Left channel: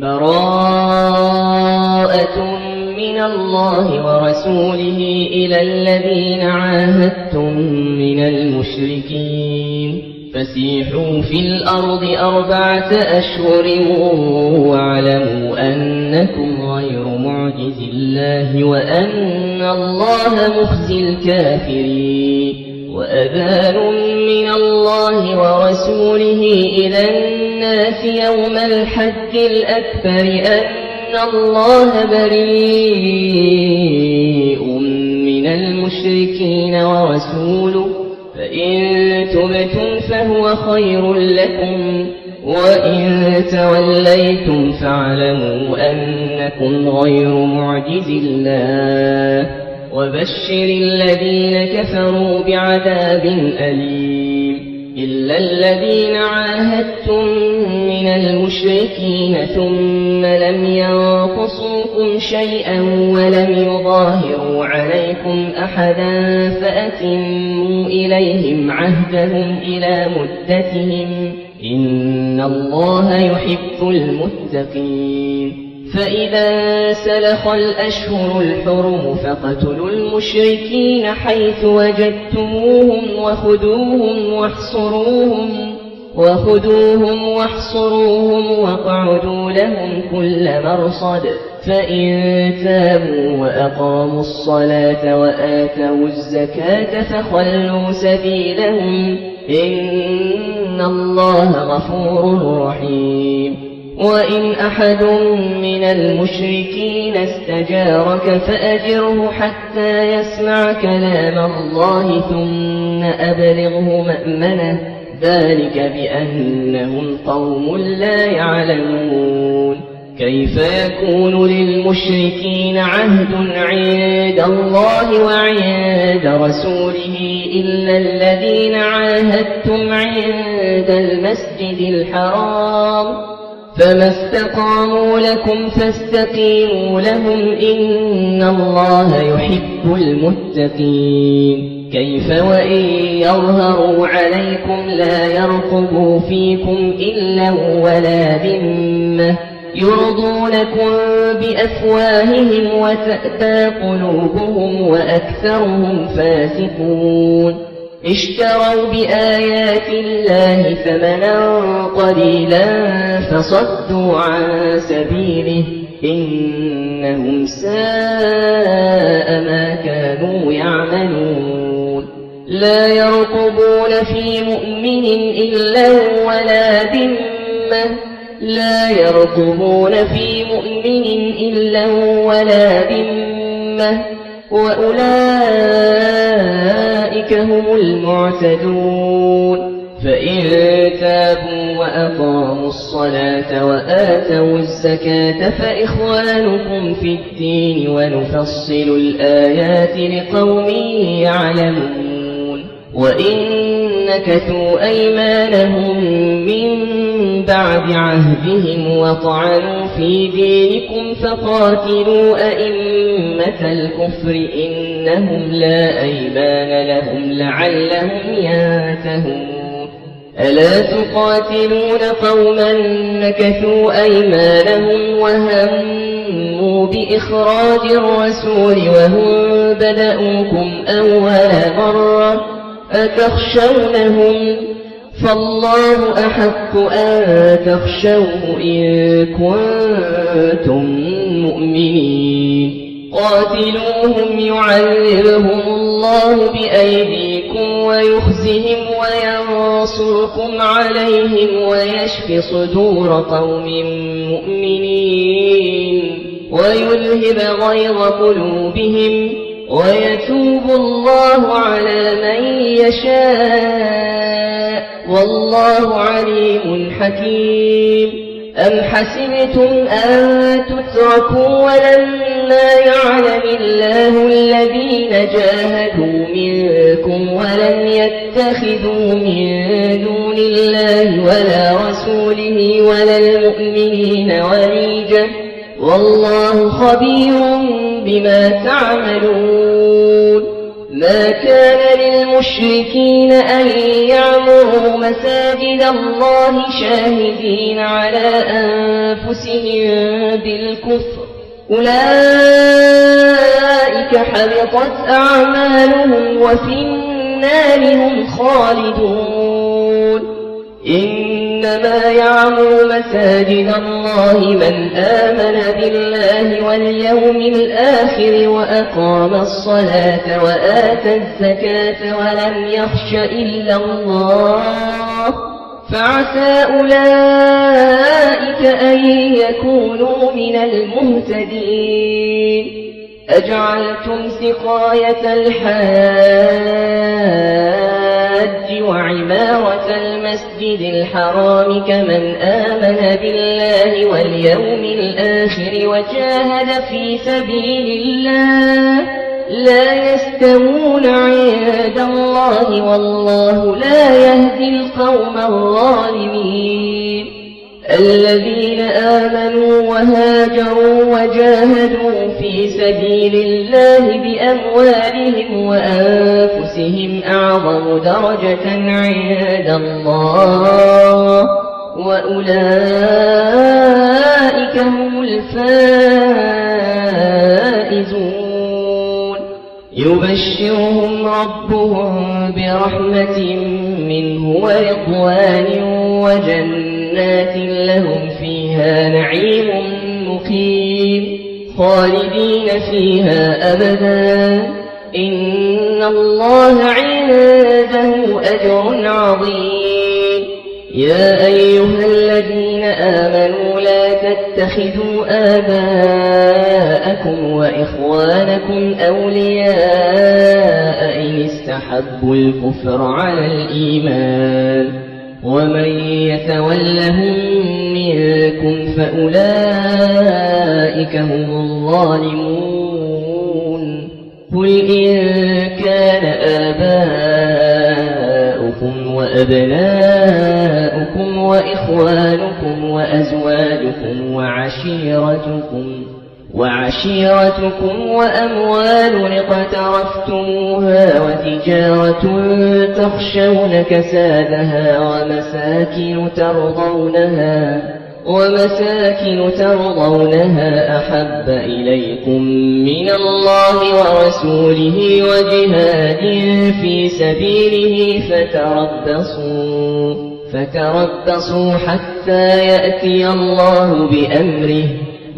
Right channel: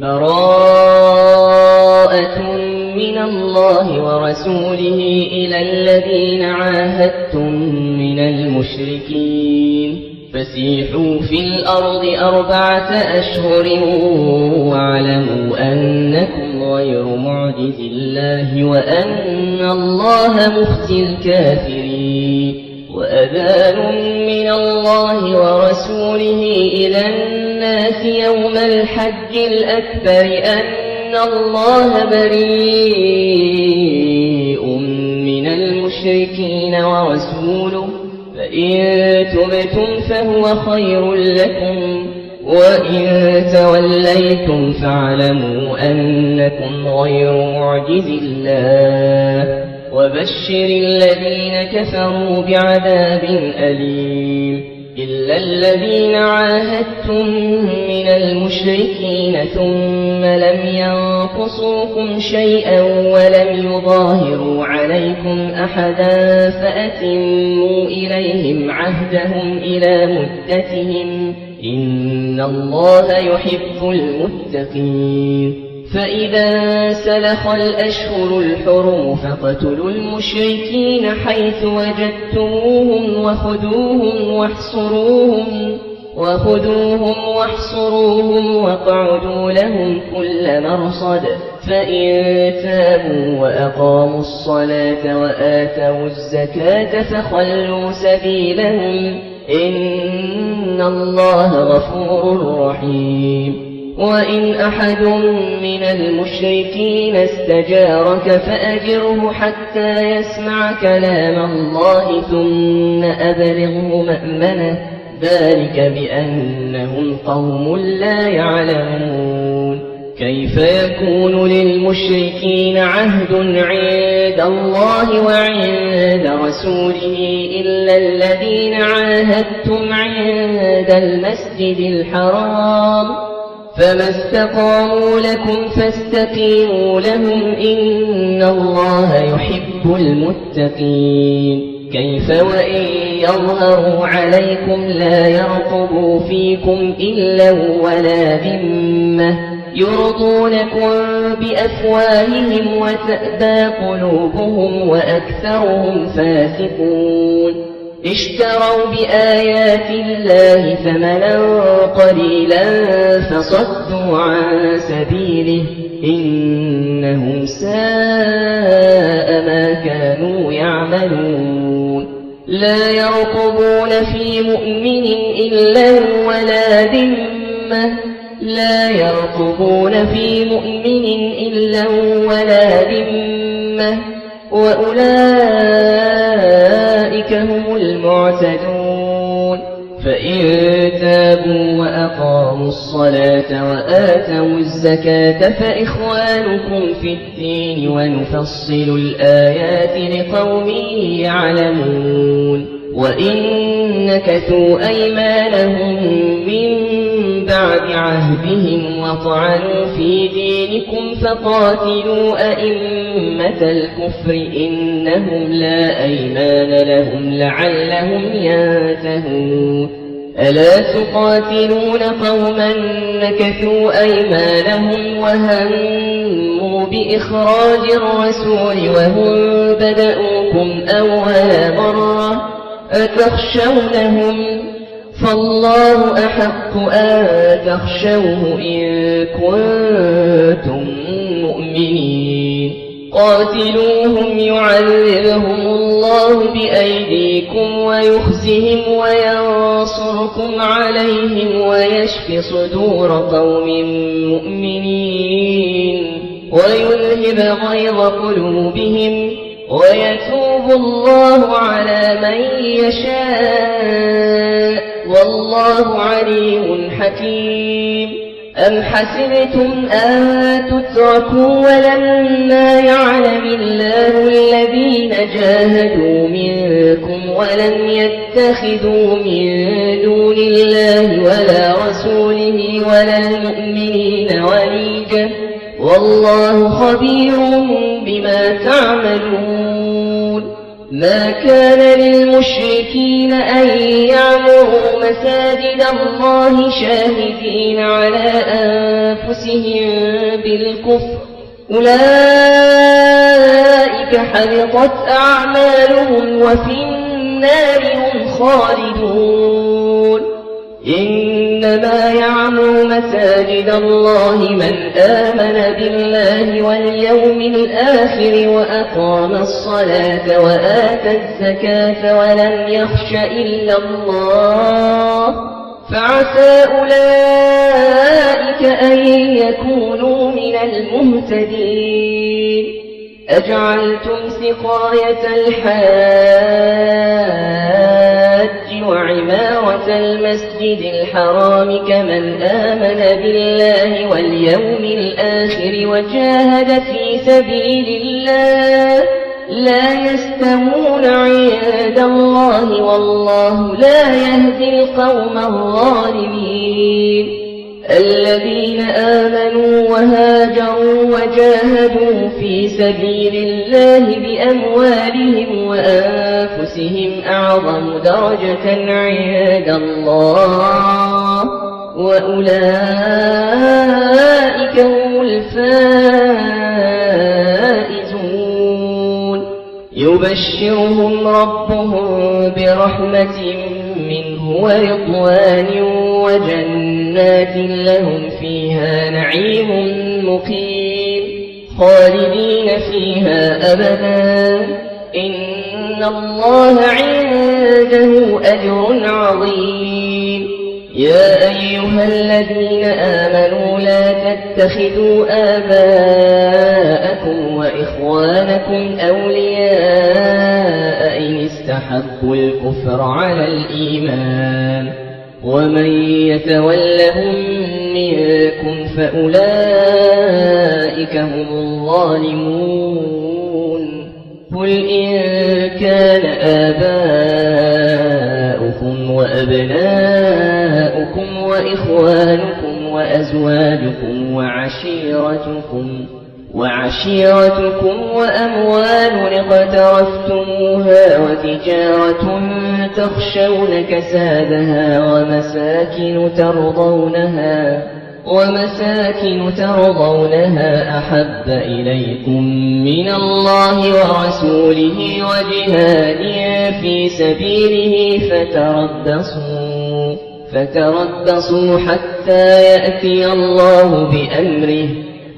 براءة من الله ورسوله إلى الذين عاهدتم من المشركين فسيحوا في الأرض 4 أشهر واعلموا أنكم غير معجز الله وأن الله مخزي الكافرين وأذان من الله ورسوله إلى الناس يوم الحج الأكبر أن الله بريء من المشركين ورسوله فإن تبتم فهو خير لكم وإن توليتم فاعلموا أنكم غير معجز الله وبشر الذين كفروا بعذاب أليم إلا الذين عاهدتم من المشركين ثم لم ينقصوكم شيئا ولم يظاهروا عليكم أحدا فأتموا إليهم عهدهم إلى مدتهم إن الله يحب المتقين فإذا سلخ الأشهر الحرم فاقتلوا المشركين حيث وجدتموهم وخذوهم واحصروهم واقعدوا لهم كل مرصد فإن تابوا وأقاموا الصلاة وآتوا الزكاة فخلوا سبيلهم إن الله غفور رحيم وإن أحد من المشركين استجارك فأجره حتى يسمع كلام الله ثم أبلغه مأمنه ذلك بأنهم قوم لا يعلمون كيف يكون للمشركين عهد عند الله وعند رسوله إلا الذين عاهدتم عند المسجد الحرام فما استقاموا لكم فاستقيموا لهم إن الله يحب المتقين كيف وإن يظهروا عليكم لا يرقبوا فيكم إلا ولا ذمة يرضونكم بأفواههم وتأبى قلوبهم وأكثرهم فاسقون اشتروا بآيات الله ثمنا قليلا فصدوا عن سبيله إنهم ساء ما كانوا يعملون لا يرقبون في مؤمن إلا ولا ذمة وأولئك هم المعتدون فإن تابوا وأقاموا الصلاة وآتوا الزكاة فإخوانكم في الدين ونفصل الآيات لقوم يعلمون وإن نكثوا أيمانهم من بعد عهدهم وطعنوا في دينكم فقاتلوا أئمة الكفر إنهم لا أيمان لهم لعلهم ينتهون ألا تقاتلون قوما نكثوا أيمانهم وهموا بإخراج الرسول وهم بدأوكم أول مرة أتخشونهم فالله أحق أن تخشوه إن كنتم مؤمنين قاتلوهم يعذبهم الله بأيديكم ويخزهم وينصركم عليهم ويشف صدور قوم مؤمنين ويذهب غيظ قلوبهم ويتوب الله على من يشاء والله عليم حكيم أم حسبتم أن تتركوا ولما يعلم الله الذين جاهدوا منكم ولم يتخذوا من دون الله ولا رسوله ولا المؤمنين وليجا والله خبير بما تعملون ما كان للمشركين أن يعمروا مساجد الله شاهدين على أنفسهم بالكفر أولئك حبطت أعمالهم وفي النار هم خالدون إنما يعمر مساجد الله من آمن بالله واليوم الآخر وأقام الصلاة وآتى الزكاة ولم يخش إلا الله فعسى أولئك أن يكونوا من المهتدين أجعلتم سقاية الحاج وعمارة المسجد الحرام كمن آمن بالله واليوم الآخر وجاهد في سبيل الله لا يستوون عند الله والله لا يهدي القوم الظالمين الذين آمنوا وهاجروا وجاهدوا في سبيل الله بأموالهم وأنفسهم أعظم درجة عند الله وأولئك هم الفائزون يبشرهم ربهم برحمة منه ورضوان وجنات لهم فيها نعيم مقيم خالدين فيها أبدا إن الله عنده أجر عظيم يا أيها الذين آمنوا لا تتخذوا آباءكم وإخوانكم أولياء إن استحبوا الكفر على الإيمان ومن يتولهم منكم فأولئك هم الظالمون قل إن كان آباؤكم وأبناؤكم وإخوانكم وأزواجكم وعشيرتكم وأموال اقترفتموها وتجارة تخشون كسادها ومساكن ترضونها أحب إليكم من الله ورسوله وجهاد في سبيله فتربصوا حتى يأتي الله بأمره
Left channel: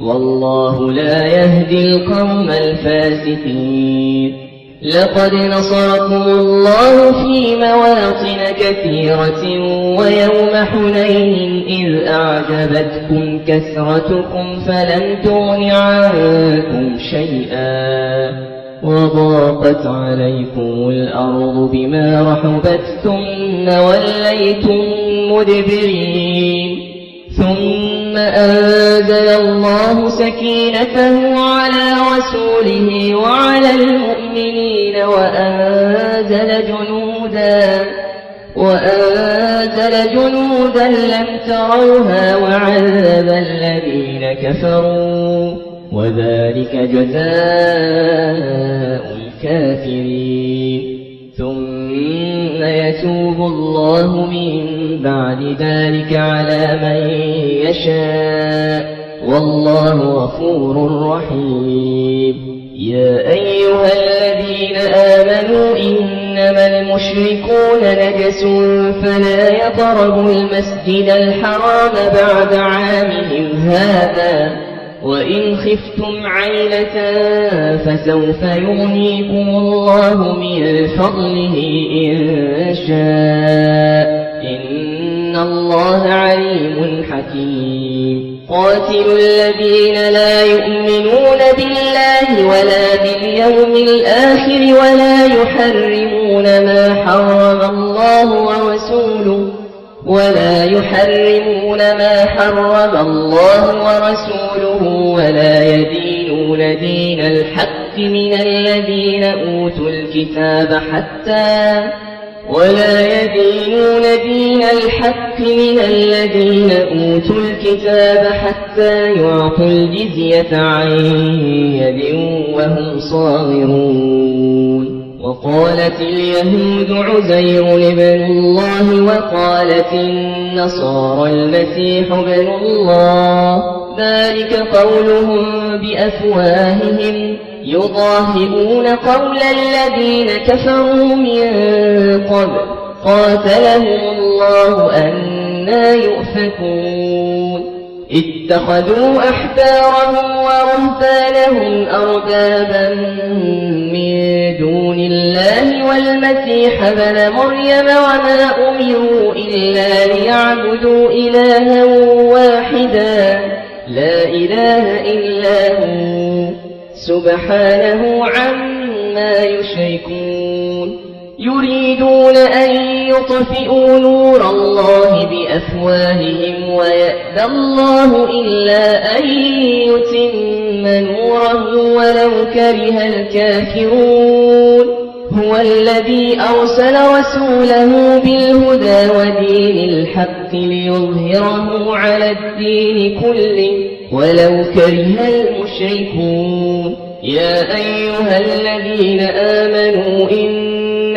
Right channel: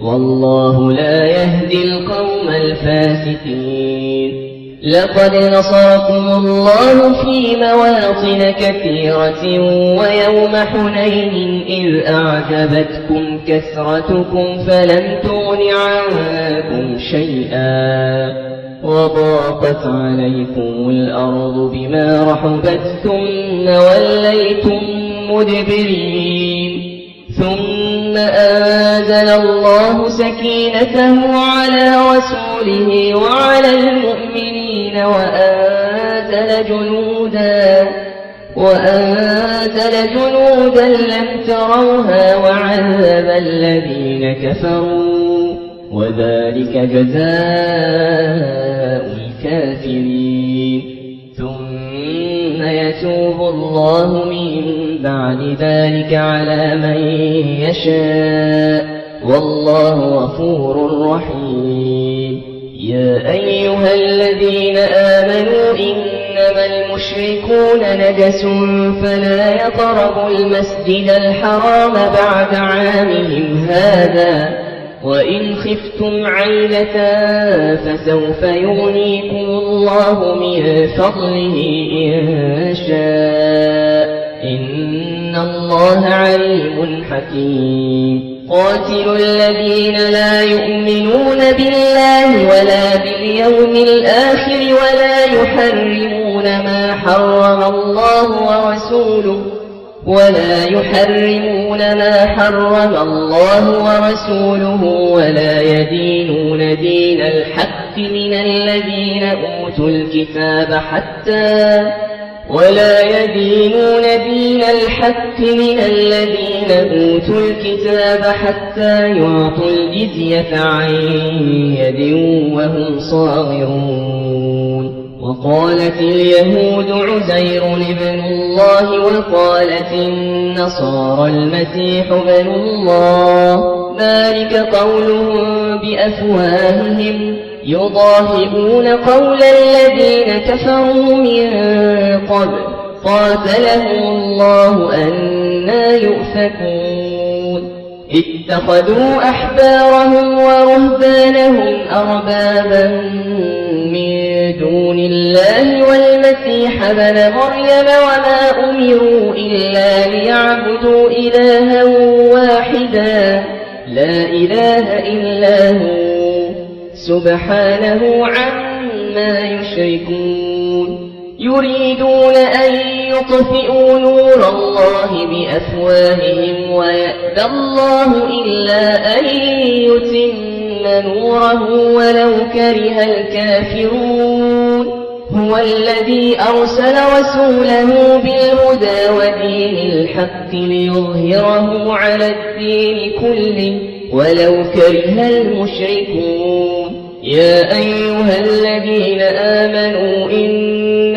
والله لا يهدي القوم الفاسقين لقد نصركم الله في مواطن كثيرة ويوم حنين إذ أعجبتكم كثرتكم فلم تغن عنكم شيئا وضاقت عليكم الأرض بما رحبت ثم وليتم مدبرين ثم أنزل الله سكينته على رسوله وعلى المؤمنين وأنزل جنودا لم تروها وعذب الذين كفروا وذلك جزاء الكافرين ثم يتوب الله من بعد ذلك على من يشاء والله غفور رحيم يا أيها الذين آمنوا إنما المشركون نجس فلا يقربوا المسجد الحرام بعد عامهم هذا وإن خفتم عيلة فسوف يغنيكم الله من فضله إن شاء إن الله عليم حكيم قاتلوا الذين لا يؤمنون بالله ولا باليوم الآخر ولا يحرمون ما حرم الله ورسوله ولا يدينون دين الحق من الذين أوتوا الكتاب حتى يعطوا الجزية عن يد وهم صاغرون وقالت اليهود عزير ابن الله وقالت النصارى المسيح ابن الله ذلك قولهم بأفواههم يضاهئون قول الذين كفروا من قبل قاتلهم الله أنى يؤفكون اتخذوا أحبارهم ورهبانهم أربابا من دون الله والمسيح ابن مريم وما أمروا إلا ليعبدوا إلها واحدا لا إله إلا هو سبحانه عما يشركون يريدون أن يطفئوا نور الله بأفواههم ويأبى الله إلا أن يتم نوره ولو كره الكافرون هو الذي أرسل رسوله بالهدى ودين الحق ليظهره على الدين كله ولو كره المشركون يا أيها الذين آمنوا إن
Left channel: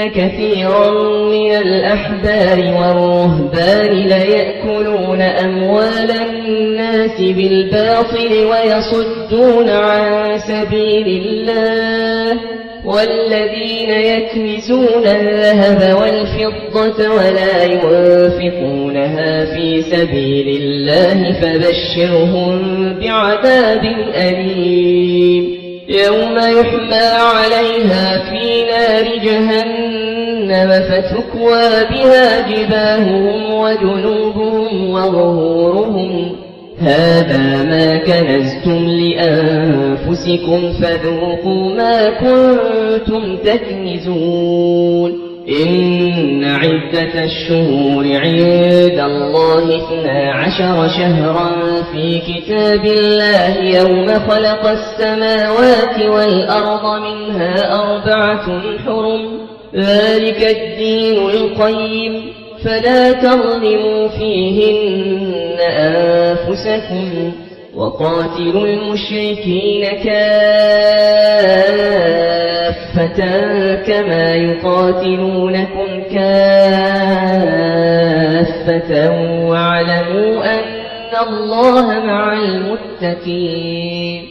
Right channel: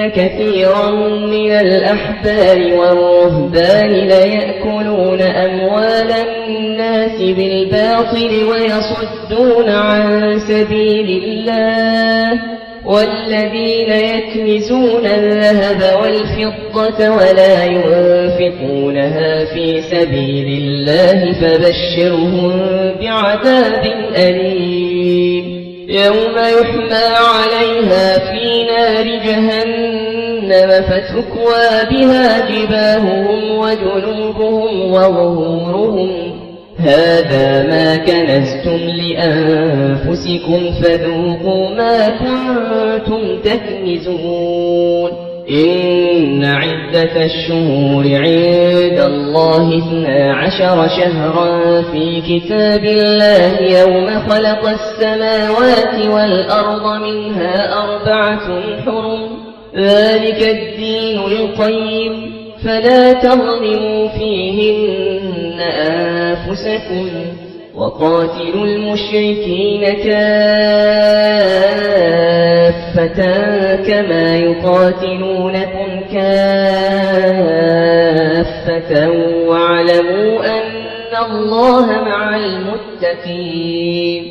كثيرا من الأحبار والرهبان ليأكلون أموال الناس بالباطل ويصدون عن سبيل الله والذين يكنزون الذهب والفضة ولا ينفقونها في سبيل الله فبشرهم بعذاب أليم يوم يحمى عليها في نار جهنم فتكوى بها جباههم وجنوبهم وظهورهم هذا ما كنزتم لأنفسكم فذوقوا ما كنتم تكنزون إن عدة الشهور عند الله 12 شهرا في كتاب الله يوم خلق السماوات والأرض منها 4 حرم ذلك الدين القيم فلا تظلموا فيهن أنفسكم وقاتلوا المشركين كافة كما يقاتلونكم كافة واعلموا أن الله مع المتقين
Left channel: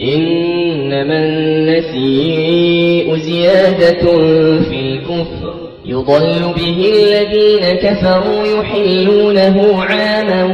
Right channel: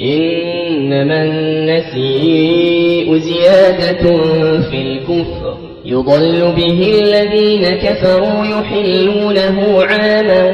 إنما النسيء زيادة في الكفر يضل به الذين كفروا يحلونه عاما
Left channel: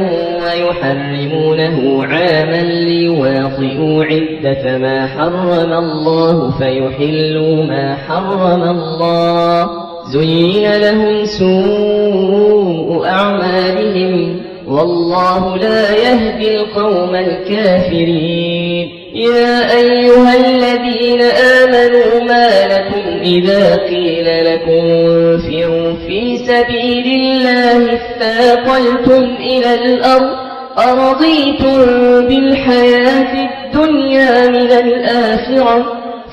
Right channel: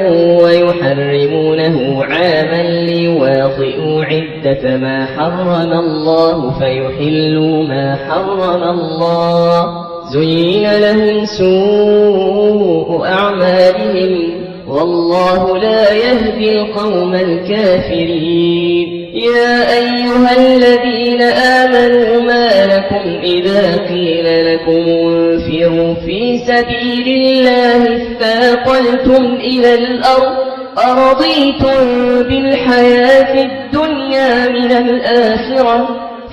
ويحرمونه عاما ليواطئوا عدة ما حرم الله فيحلوا ما حرم الله زين لهم سوء أعمالهم والله لا يهدي القوم الكافرين يا أيها الذين آمنوا ما لكم إذا قيل لكم انفروا في سبيل الله اثاقلتم إلى الأرض أرضيتم بالحياة الدنيا من الآخرة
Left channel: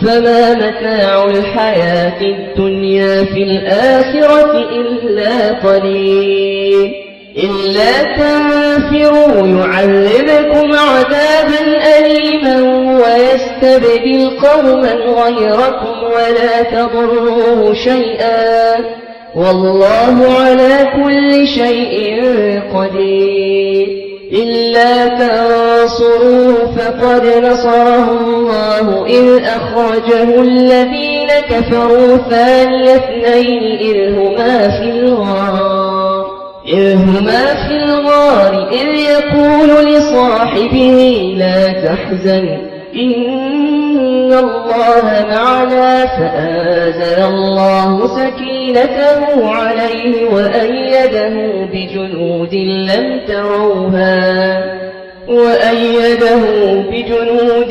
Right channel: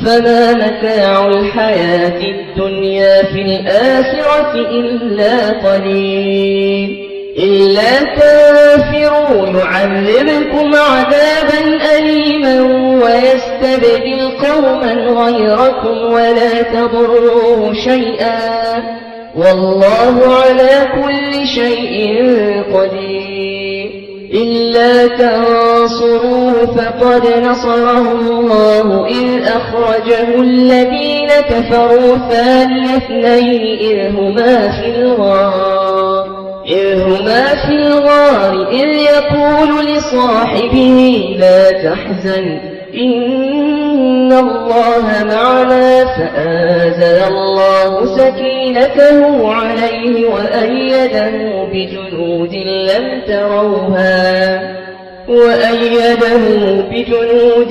فما متاع الحياة الدنيا في الآخرة إلا قليل إلا تنفروا يعذبكم عذابا أليما ويستبدل قوما غيركم ولا تضروه شيئا والله على كل شيء قدير إلا تنصروه فقد نصره الله إذ أخرجه الذين كفروا ثاني اثنين إذ هما في الغار إذ يقول لصاحبه لا تحزن إن الله معنا فأنزل الله سكينته عليه وأيده بجنود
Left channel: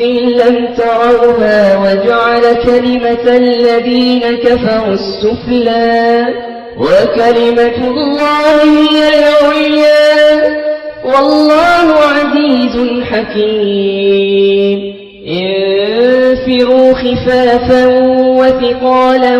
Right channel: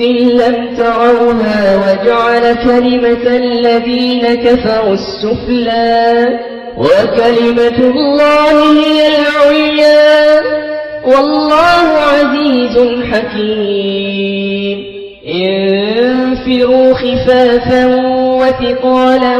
لم تروها وجعل كلمة الذين كفروا السفلى وكلمة الله هي العليا والله عزيز حكيم انفروا خفافا وثقالا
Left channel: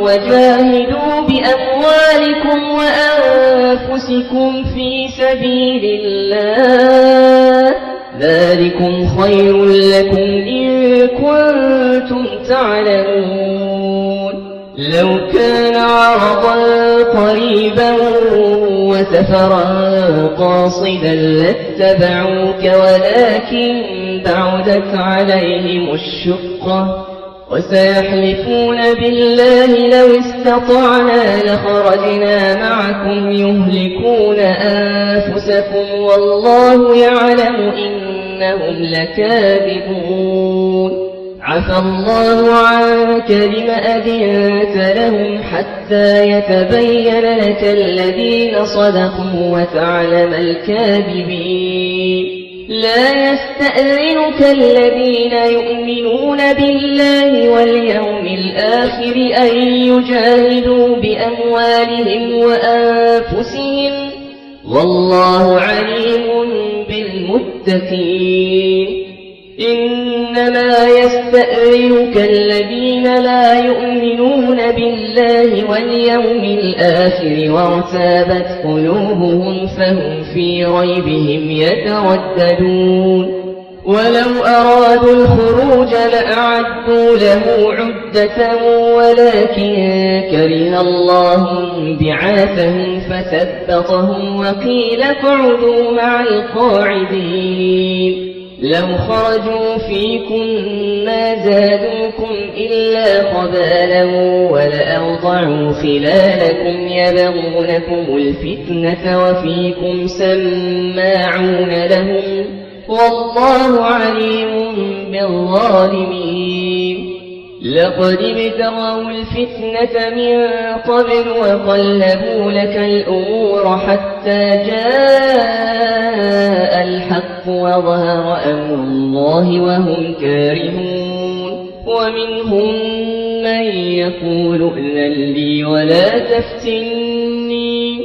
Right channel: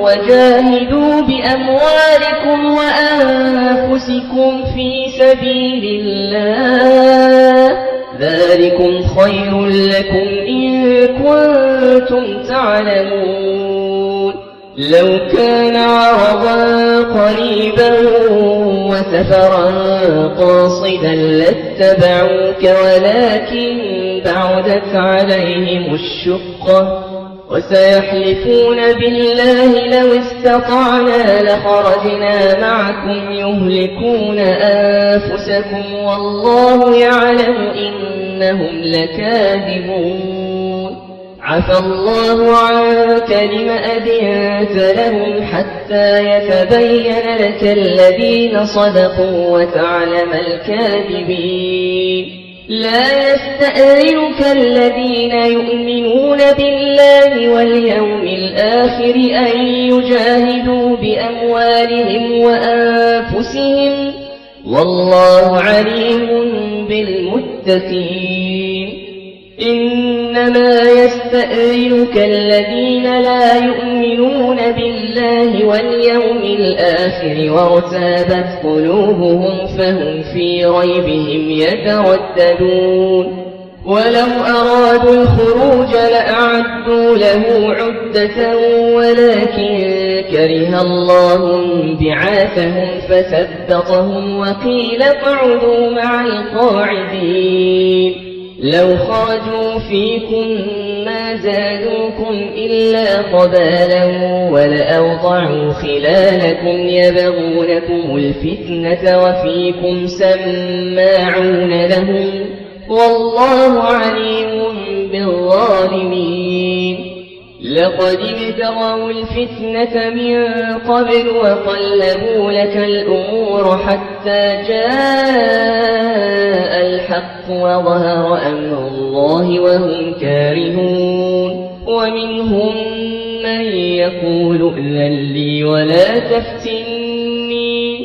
وجاهدوا بأموالكم وأنفسكم في سبيل الله ذلكم خير لكم إن كنتم تعلمون لو كان عرضا قريبا وسفرا قاصدا لاتبعوك ولكن بعدت عليهم الشقة وسيحلفون بالله لو استطعنا لخرجنا معكم يهلكون أنفسكم والله يعلم إنهم لكاذبون عفى الله عنك لم أذنت لهم حتى يتبين لك الذين صدقوا وتعلم الكاذبين لا يستأذنك الذين يؤمنون بالله واليوم الآخر أن يجاهدوا بأموالهم وأنفسهم والله عليم بالمتقين إنما يستأذنك الذين لا يؤمنون بالله واليوم الآخر وارتابت قلوبهم فهم في ريبهم يترددون ولو أرادوا الخروج لأعدوا له عدة ولكن كره الله بعاثهم فثبطهم وقيل اقعدوا مع القاعدين لو خرجوا فيكم ما زادوكم إلا خبالا ولأوضعوا خلالكم يبغونكم الفتنة وفيكم سماعون لهم والله عليم بالظالمين لقد ابتغوا الفتنة من قبل وقلبوا لك الأمور حتى جاء الحق وظهر أمر الله وهم كارهون ومنهم من يقول ائذن لي ولا تفتني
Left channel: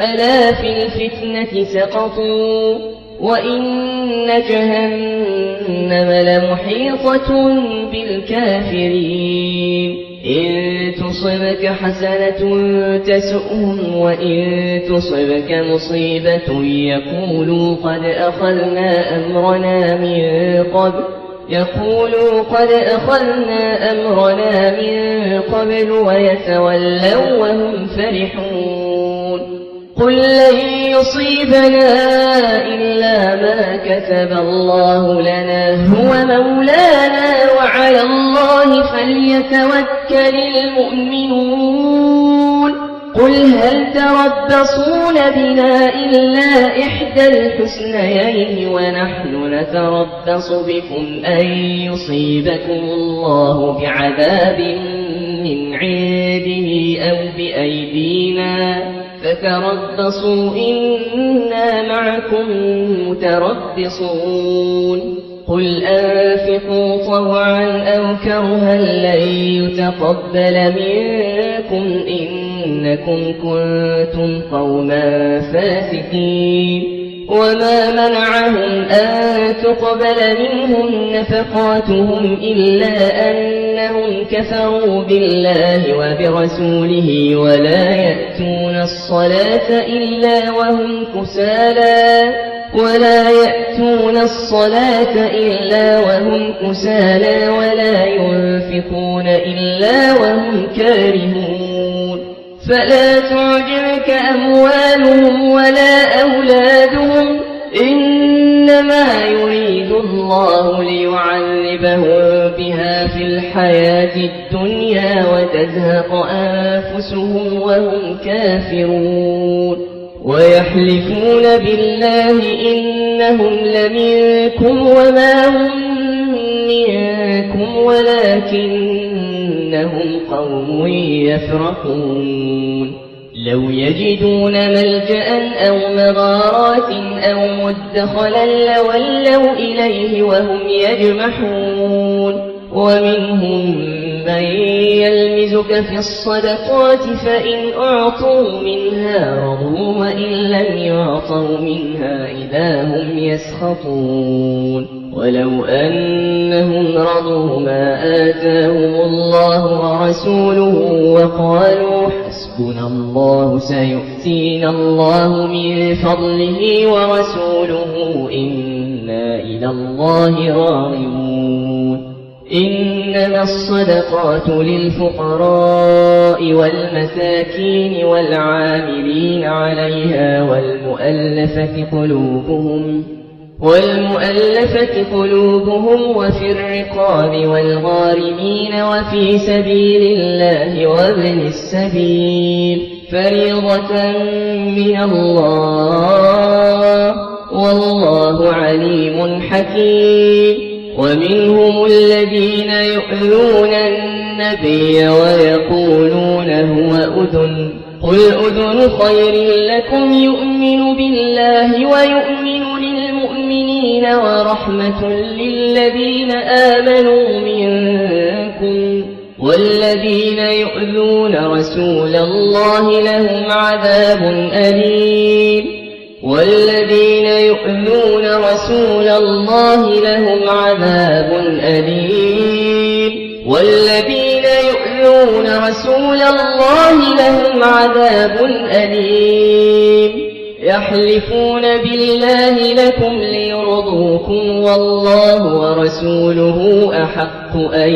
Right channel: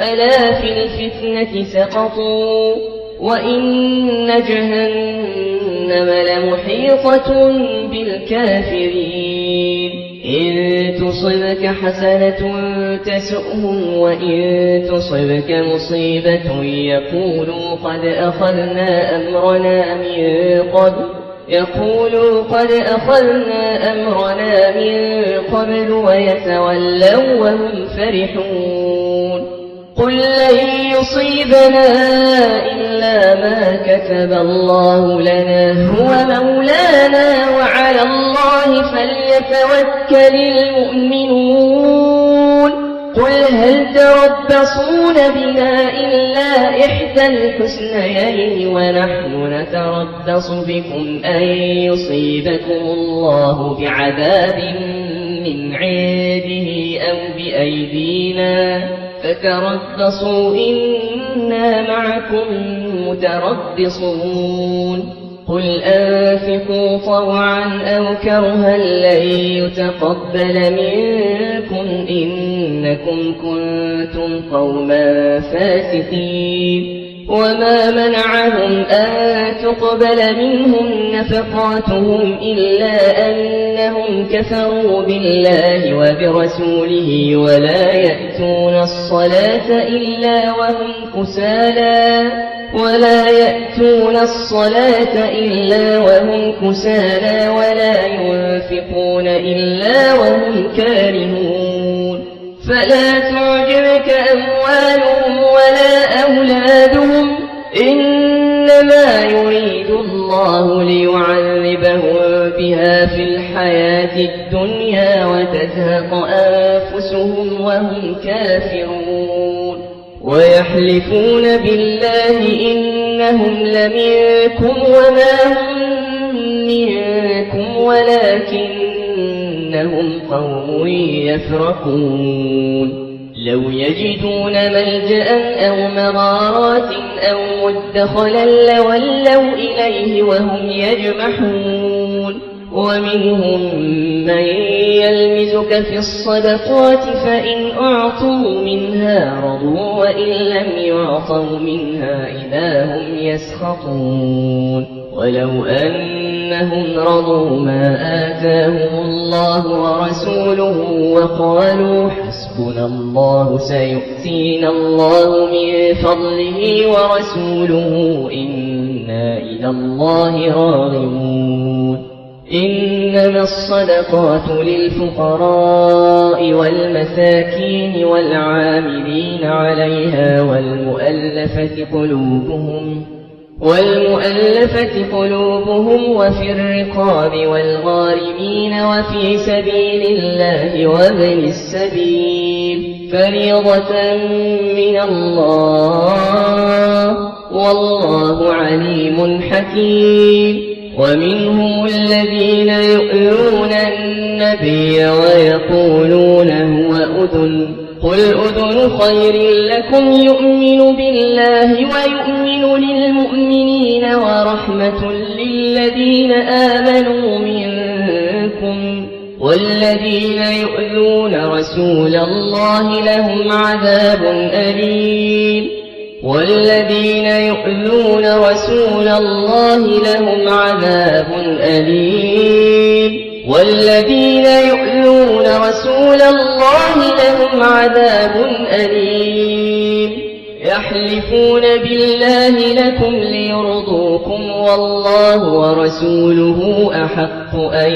ألا في الفتنة سقطوا وإن جهنم لمحيطة بالكافرين إن تصبك حسنة تسؤهم وإن تصبك مصيبة يقولوا قد أخذنا أمرنا من قبل ويتولوا وهم فرحون قل لن يصيبنا إلا ما كتب الله لنا هو مولانا وعلى الله فليتوكل المؤمنون قل هل تربصون بنا إلا إحدى الحسنيين ونحن نتربص بكم أن يصيبكم الله بعذاب من عنده أو بأيدينا فتربصوا إنا معكم متربصون قل أنفقوا طوعا أو كرها لن يتقبل منكم إنكم كنتم قوما فاسقين وما منعهم أن تقبل منهم نفقاتهم إلا أنهم كفروا بالله وبرسوله ولا يأتون الصلاة إلا وهم كسالى ولا ينفقون إلا وهم كارهون فلا تعجبك أموالهم ولا أولادهم إنما يريد الله ليعذبهم بها في الحياة الدنيا وتزهق أنفسهم وهم كافرون ويحلفون بالله إنهم لمنكم وما هم منكم ولكنهم قوم يفرقون لو يجدون ملجأ أو مغارات أو مدخلا لولوا إليه وهم يجمحون ومنهم من يلمزك في الصدقات فإن أعطوا منها رضوا وإن لم يعطوا منها إذا هم يسخطون ولو أنهم رضوا ما آتاهم الله ورسوله وقالوا حسبنا الله سيؤتينا الله من فضله ورسوله إنا إلى الله راغبون إنما الصدقات للفقراء والمساكين والعاملين عليها والمؤلفة قلوبهم وفي الرقاب والغارمين وفي سبيل الله وابن السبيل فريضة من الله والله عليم حكيم. ومنهم الذين يؤذون النبي ويقولون هو أذن قل أذن خير لكم يؤمن بالله ويؤمن للمؤمنين ورحمة للذين آمنوا منكم والذين يؤذون رسول الله لهم عذاب أليم والذين يؤذون رسول الله لهم عذاب أليم والذين يؤذون رسول الله لهم عذاب أليم يحلفون بالله لكم ليرضوكم والله ورسوله أحق أن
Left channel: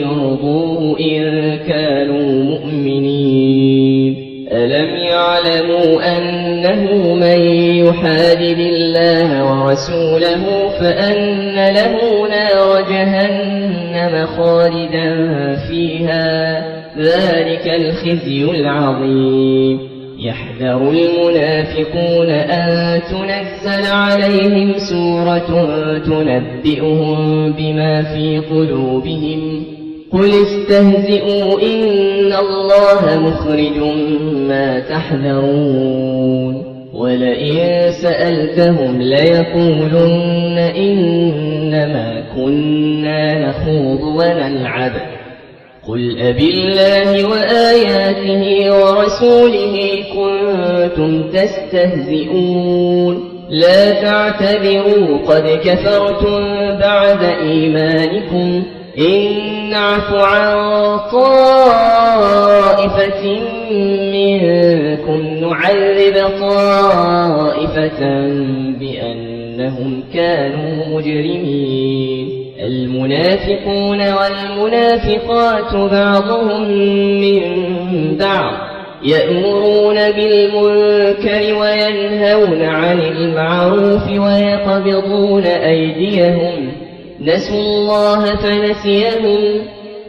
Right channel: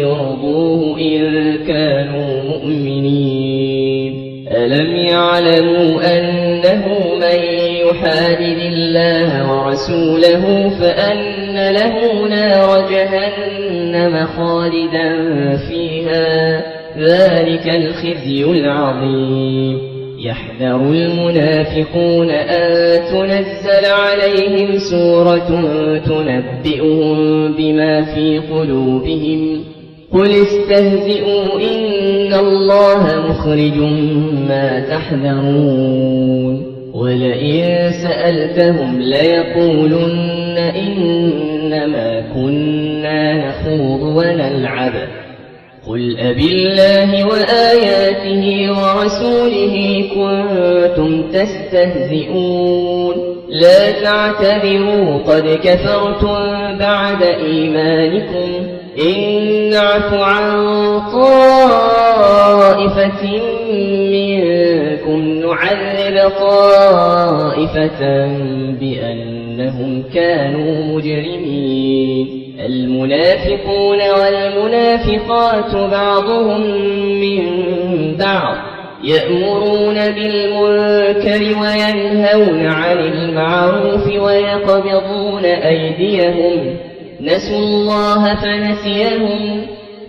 يرضوه إن كانوا مؤمنين. ألم يعلموا أنه من يحادد الله ورسوله فأن له نار جهنم خالدا فيها ذلك الخزي العظيم. يحذر المنافقون أن تنزل عليهم سورة تنبئهم بما في قلوبهم قل استهزئوا إن الله مخرج ما تحذرون ولئن سألتهم ليقولن إنما كنا نخوض ونلعب قل أبالله وآياته ورسوله كنتم تستهزئون لا تعتبروا قد كفرتم بعد إيمانكم إن نعف عن طائفة منكم نعذب طائفة بأنهم كانوا مجرمين. المنافقون والمنافقات بعضهم من بعض يأمرون بالمنكر وينهون عن المعروف ويقبضون أيديهم نسوا الله فنسيهم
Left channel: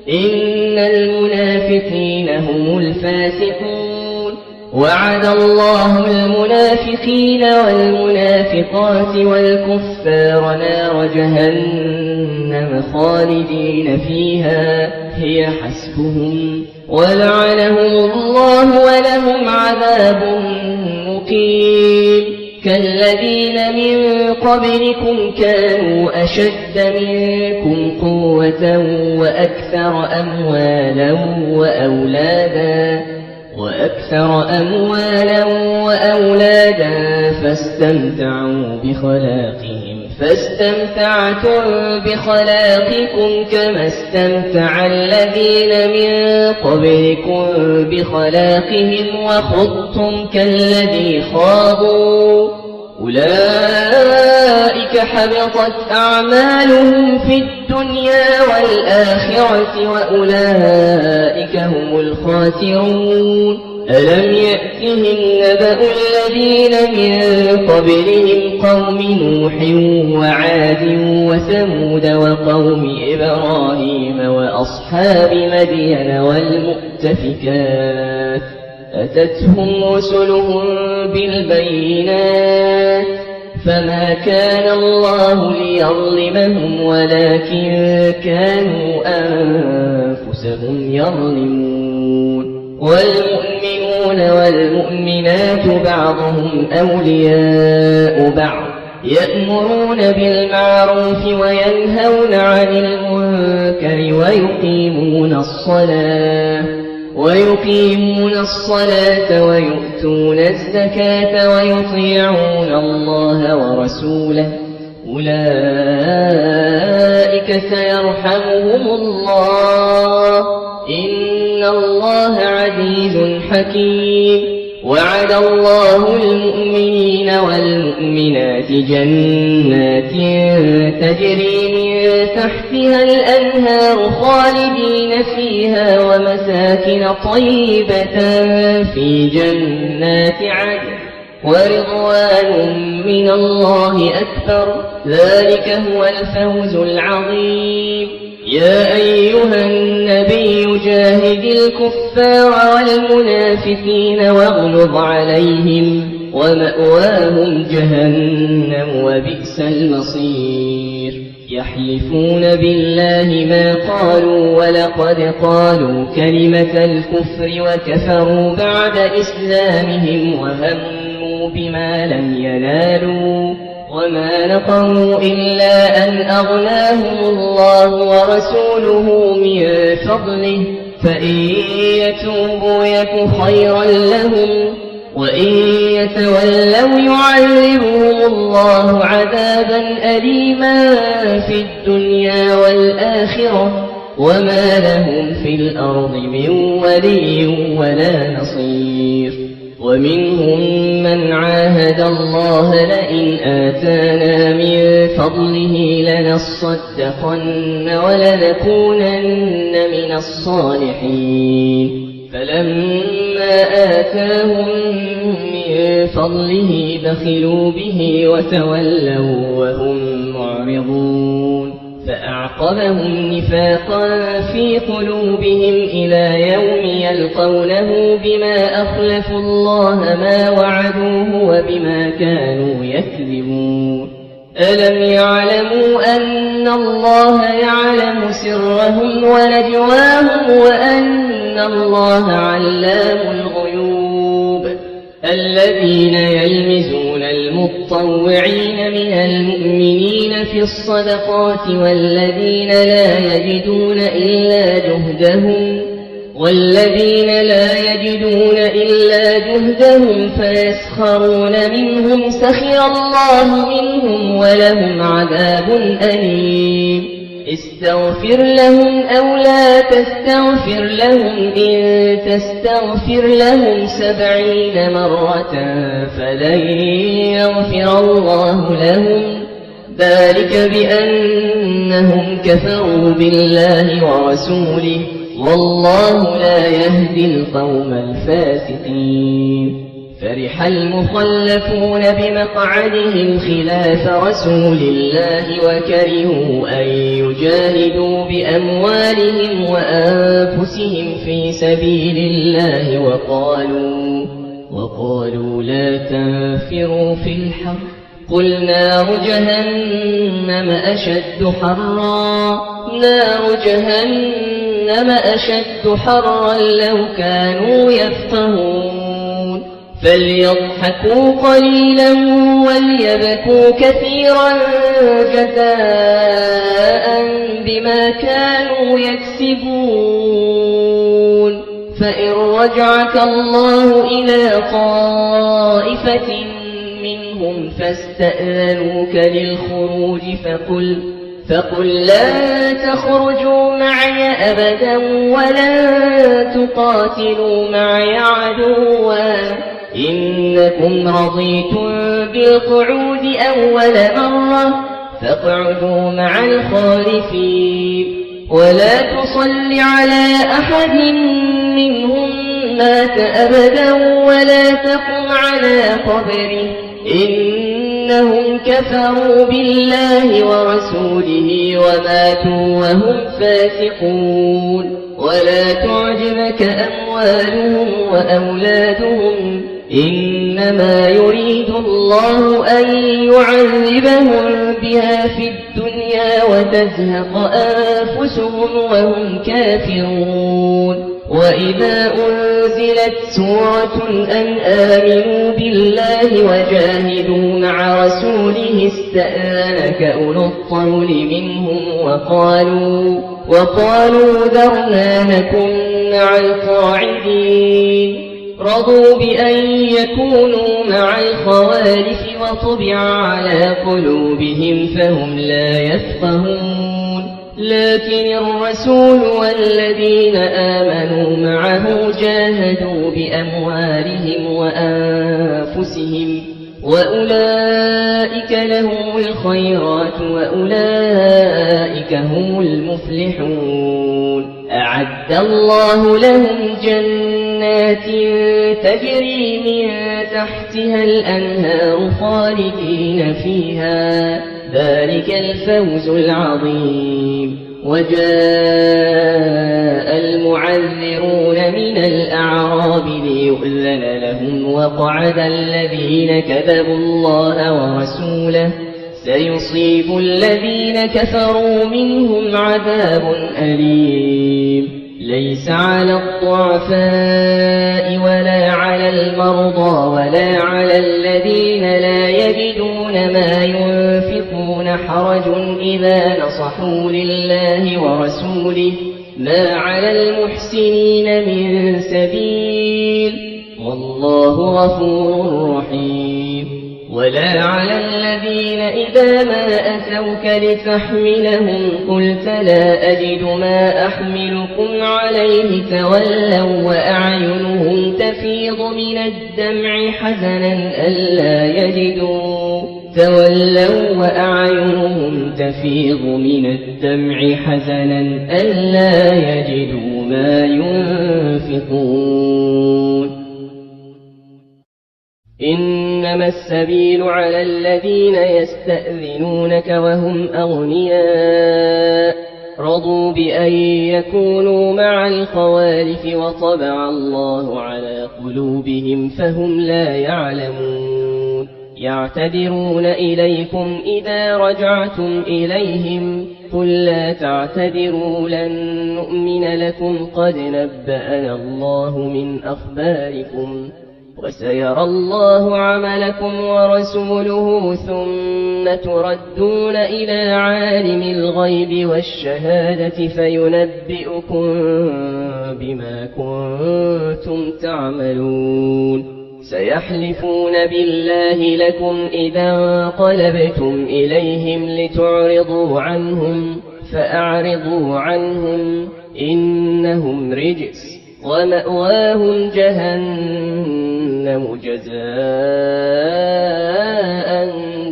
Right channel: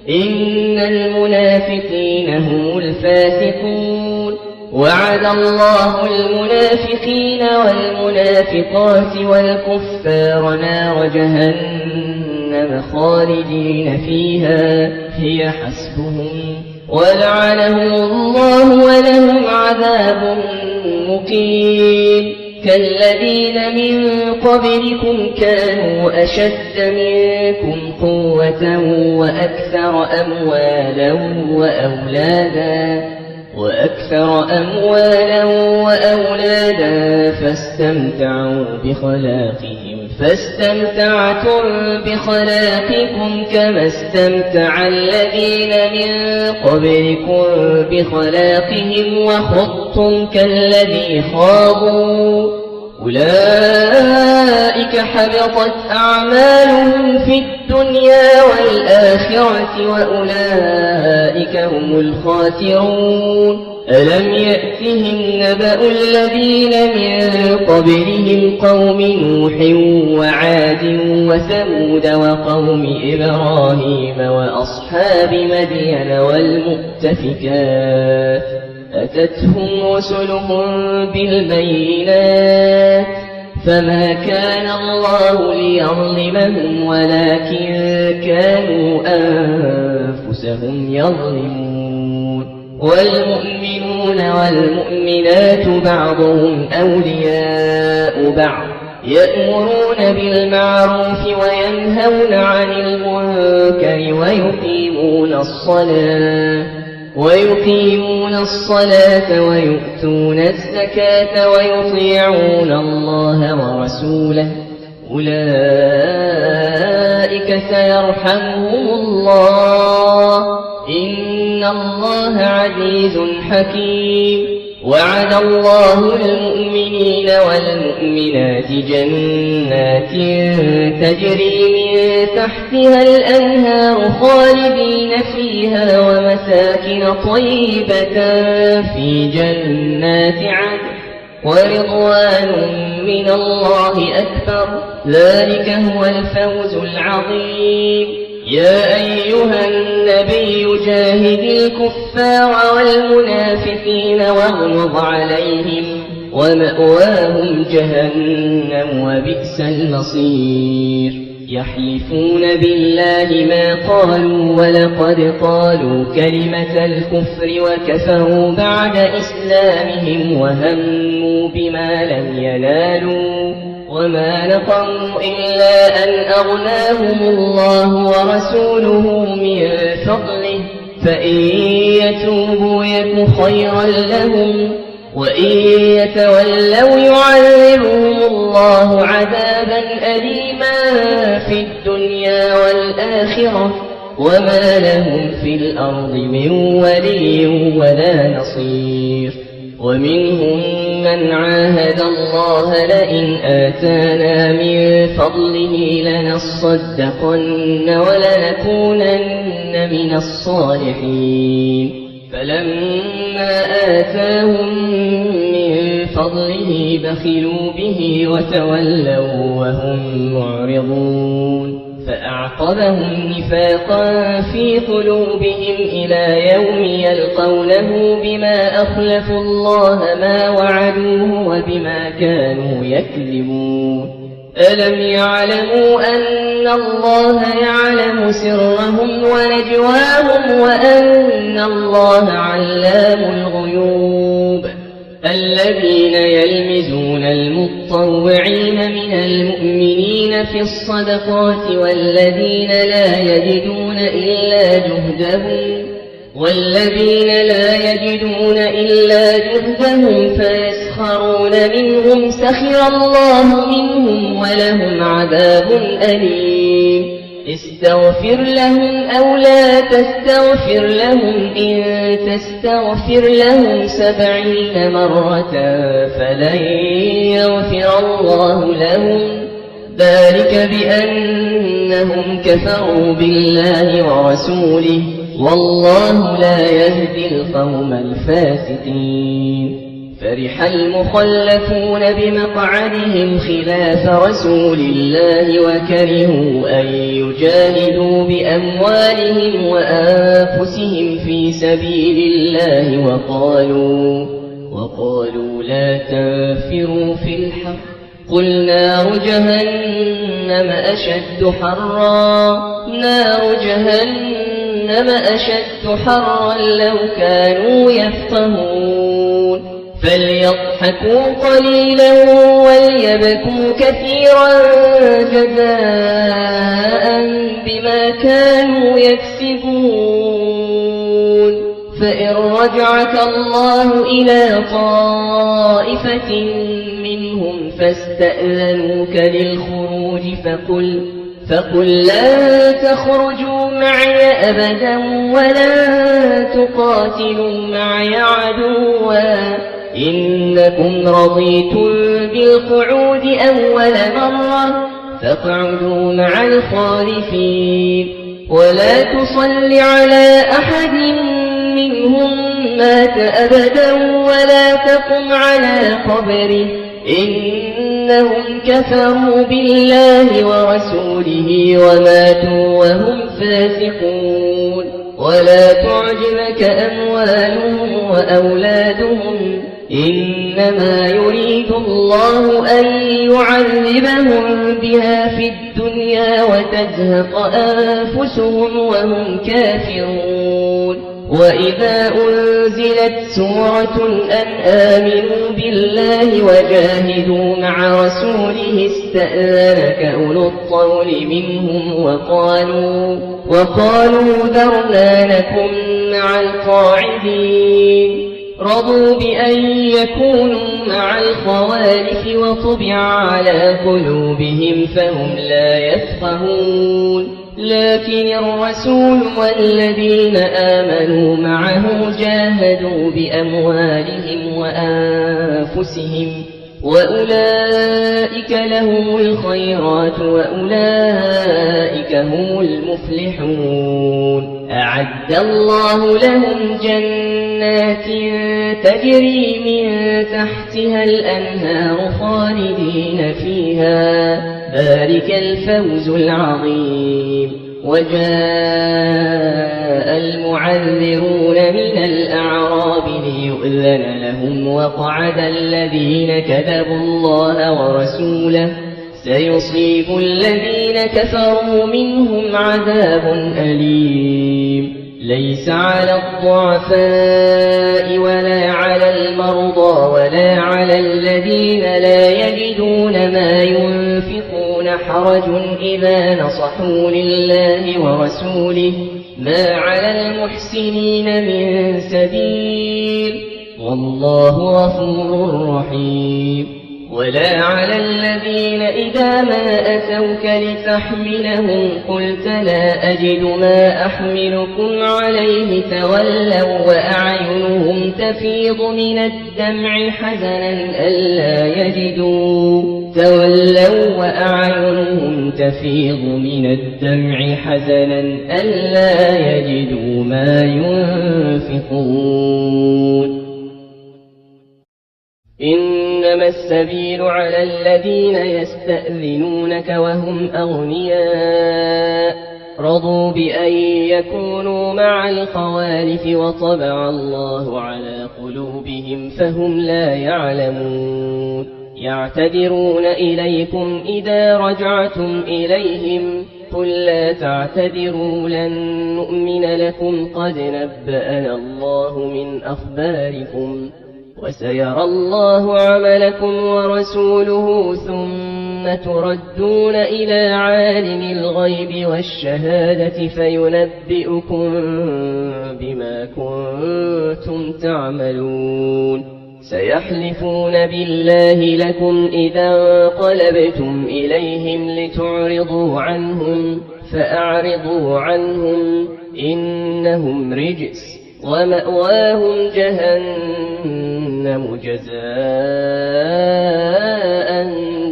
إن المنافقين هم الفاسقون. وعد الله المنافقين والمنافقات والكفار نار جهنم خالدين فيها هي حسبهم ولعنهم الله ولهم عذاب مقيم. كالذين من قبلكم كانوا أشد منكم قوة وأكثر أموالا وأولادا فاستمتعتم بخلاقكم كما استمتع الذين من قبلكم بخلاقهم وخضتم كالذي خاضوا أولئك حبطت أعمالهم في الدنيا والآخرة وأولئك هم الخاسرون. ألم يأتهم نبأ الذين من قبلهم قوم نوح وعاد وثمود وقوم إبراهيم وأصحاب مدين والمؤتفكات أتتهم رسلهم بالبينات فما كان الله ليظلمهم ولكن كانوا أنفسهم يظلمون. والمؤمنون والمؤمنات بعضهم أولياء بعض يأمرون بالمعروف وينهون عن المنكر ويقيمون الصلاة ويؤتون الزكاة ويطيعون الله ورسوله أولئك سيرحمهم الله إن الله عزيز حكيم. وعد الله المؤمنين والمؤمنات جنات تجري من تحتها الأنهار خالدين فيها ومساكن طيبة في جنات عدن ورضوان من الله أكبر ذلك هو الفوز العظيم. يا أيها النبي جاهد الكفار والمنافقين واغلظ عليهم ومأواهم جهنم وبئس المصير. يحلفون بالله ما قالوا ولقد قالوا كلمة الكفر وكفروا بعد إسلامهم وهموا بما لم ينالوا وما نقموا إلا أن أغناهم الله ورسوله من فضله فإن يتوبوا يك خيرا لهم وإن يتولوا يعذبهم الله عذابا أليما في الدنيا والآخرة وما لهم في الأرض من ولي ولا نصير. ومنهم من عاهد الله لئن آتانا من فضله لنصدقن ولنكونن من الصالحين فلما آتاهم من فضله بخلوا به وتولوا وهم معرضون فأعقبهم نفاقا في قلوبهم إلى يوم يلقونه بما أخلفوا الله ما وعدوه وبما كانوا يكذبون. ألم يعلموا أن الله يعلم سرهم ونجواهم وأن الله علام الغيوب. الذين يلمزون المطوعين من المؤمنين في الصدقات والذين لا يجدون إلا جهدهم فيسخرون منهم سخر الله منهم ولهم عذاب أليم. استغفر لهم أو لا تستغفر لهم إن تستغفر لهم 70 مرة فلن يغفر الله لهم ذلك بأنهم كفروا بالله ورسوله والله لا يهدي القوم الفاسقين. فرح المخلفون بمقعدهم خلاف رسول الله وكرهوا أن يجاهدوا بأموالهم وأنفسهم في سبيل الله وقالوا لا تنفروا في الحر قل نار جهنم أشد حرا لو كانوا يفقهون. فليضحكوا قليلا وليبكوا كثيرا جزاء بما كانوا يكسبون. فإن رجعك الله إلى طائفة منهم فاستأذنوك للخروج فقل لن تخرجوا معي أبدا ولن تقاتلوا معي عدوا إنكم رضيتم بالقعود أول مرة فاقعدوا مع الخالفين. ولا تصل على أحد منهم مات أبدا ولا تقم على قبره إنهم كفروا بالله ورسوله وماتوا وهم فاسقون. ولا تعجبك أموالهم وأولادهم إنما يريد الله أن يعذبهم بها في الدنيا وتزهق أنفسهم وهم كافرون. وإذا أنزلت سورة أن آمنوا بالله وجاهدوا مع رسوله استأذنك أولو الطول منهم وقالوا ذرنا نكن مع القاعدين. رضوا بأن يكونوا مع الخوالف وطبع على قلوبهم فهم لا يفقهون. لكن الرسول والذين آمنوا معه جاهدوا بأموالهم وأنفسهم وأولئك لهم الخيرات وأولئك هم المفلحون أعد الله لهم جنات تجري من تحتها الأنهار خالدين فيها ذلك الفوز العظيم وجاء المعذرون من الأعراب ليؤذن لهم وقعد الذين كذبوا الله ورسوله سيصيب الذين كفروا منهم عذاب أليم ليس على الضعفاء ولا على المرضى ولا على الذين لا يجدون ما ينفقون حرج إذا نصحوا لله ورسوله ما على المحسنين من سبيل والله غفور رحيم ولا على الذين إذا ما أتوك لتحملهم قلت لا أجد ما أحملكم عليه تولوا وأعينهم تفيض من الدمع حزنا ألا يجدوا ما ينفقون إنما السبيل على الذين يستأذنونك وهم أغنياء رضوا بأن يكونوا مع الخوالف وطبع الله على قلوبهم فهم لا يعلمون يعتذرون إليكم إذا رجعتم إليهم قل لا تعتذروا لن نؤمن لكم قد نبأنا الله من أخباركم وسيرى الله عملكم ورسوله ثم تردون إلى عالم الغيب والشهادة فينبئكم بما كنتم تعملون سيحلفون بالله لكم إذا انقلبتم إليهم لتعرضوا عنهم فأعرضوا عنهم إنهم رجس ومأواهم جهنم جزاء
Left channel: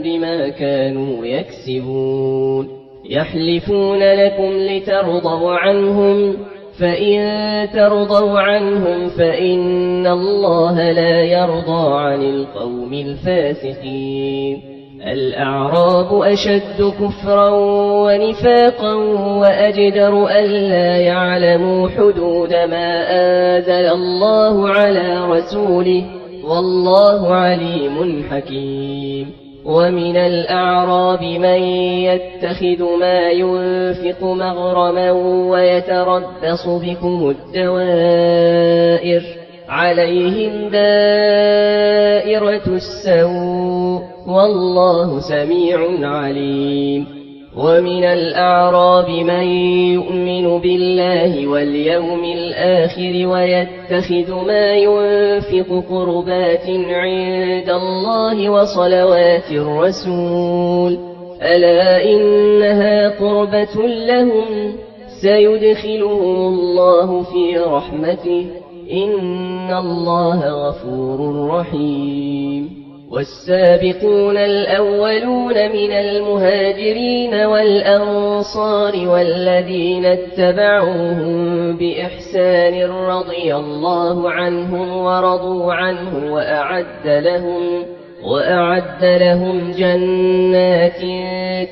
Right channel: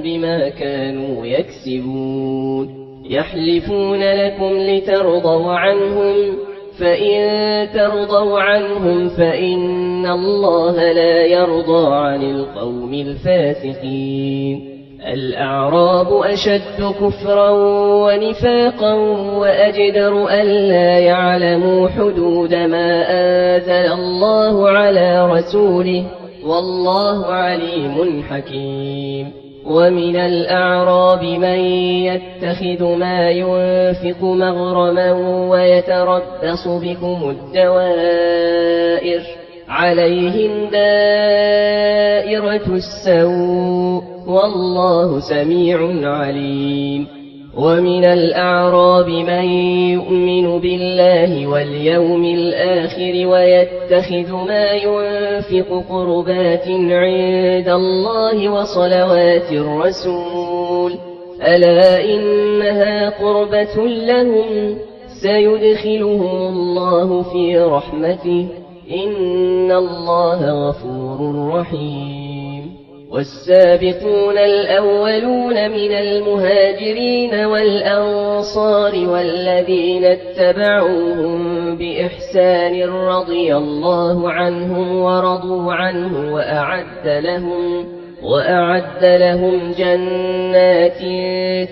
بما كانوا يكسبون يحلفون لكم لترضوا عنهم فإن ترضوا عنهم فإن الله لا يرضى عن القوم الفاسقين الأعراب أشد كفرا ونفاقا وأجدر ألا يعلموا حدود ما أنزل الله على رسوله والله عليم حكيم ومن الأعراب من يتخذ ما ينفق مغرما ويتربص بكم الدوائر عليهم دائرة السوء والله سميع عليم ومن الأعراب من يؤمن بالله واليوم الآخر ويتخذ ما ينفق قربات عند الله وصلوات الرسول ألا إنها قربة لهم سيدخلهم الله في رحمته إن الله غفور رحيم والسابقون الأولون من المهاجرين والأنصار والذين اتبعوهم بإحسان رضي الله عنهم ورضوا عنه وأعد لهم جنات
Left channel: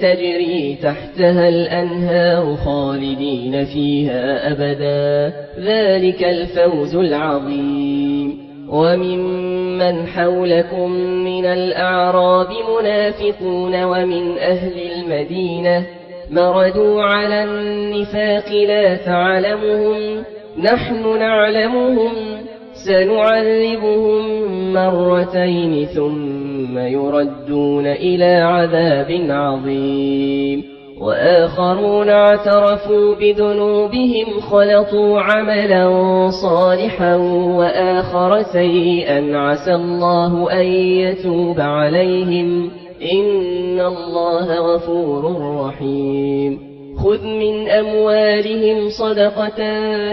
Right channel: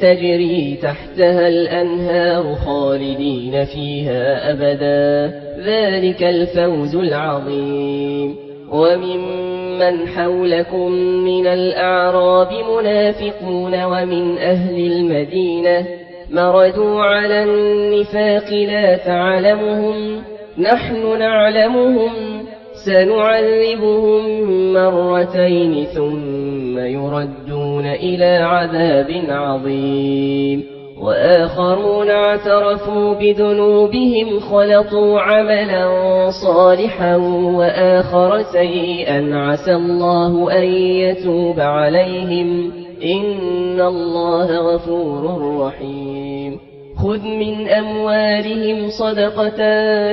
تجري تحتها الأنهار خالدين فيها أبدا ذلك الفوز العظيم وممن حولكم من الأعراب منافقون ومن أهل المدينة مردوا على النفاق لا تعلمهم نحن نعلمهم سنعذبهم مرتين ثم يردون إلى عذاب عظيم وآخرون اعترفوا بذنوبهم خلطوا عملا صالحا وآخر سيئا عسى الله أن يتوب عليهم إن الله غفور رحيم خذ من أموالهم صدقة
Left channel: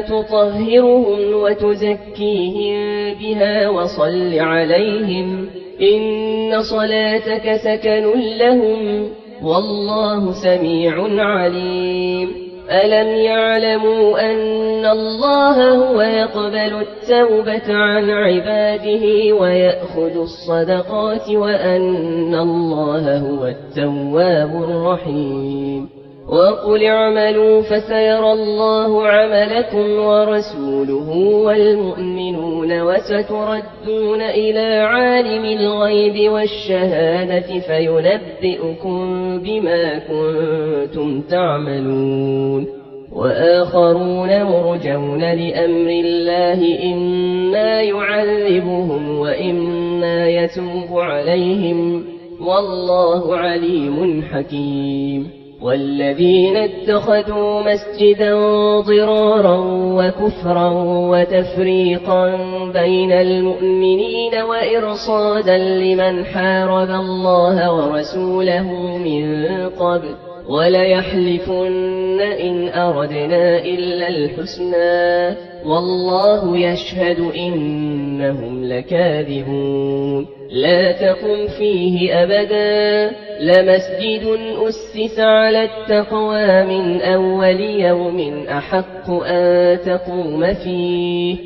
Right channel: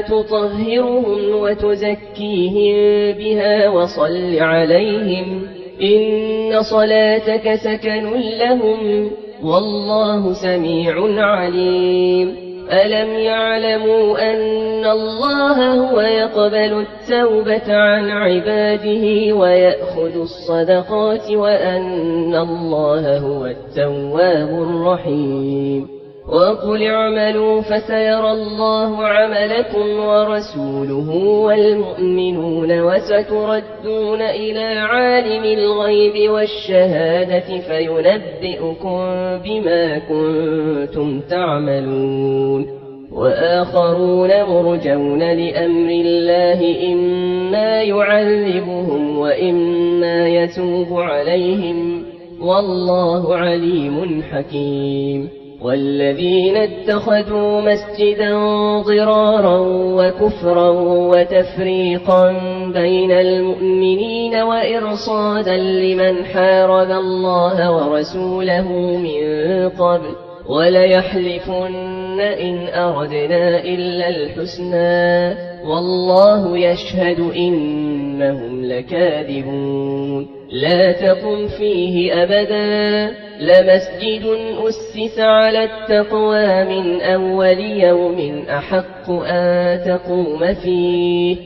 تطهرهم وتزكيهم بها وصل عليهم إن صلاتك سكن لهم والله سميع عليم ألم يعلموا أن الله هو يقبل التوبة عن عباده ويأخذ الصدقات وأن الله هو التواب الرحيم وقل اعملوا فسيرى الله عملكم ورسوله والمؤمنون وستردون إلى عالم الغيب والشهادة فينبئكم بما كنتم تعملون وآخرون مرجون لأمر الله إما يعذبهم وإما يتوب عليهم والله عليم حكيم والذين اتخذوا مسجدا ضرارا وكفرا وتفريقا بين المؤمنين وإرصادا لمن حارب الله ورسوله من قبل وليحلفن إن أردنا إلا الحسنى والله يشهد إنهم لكاذبون لا تقم فيه أبدا لمسجد أسس على التقوى من أول يوم أحق أن تقوم فيه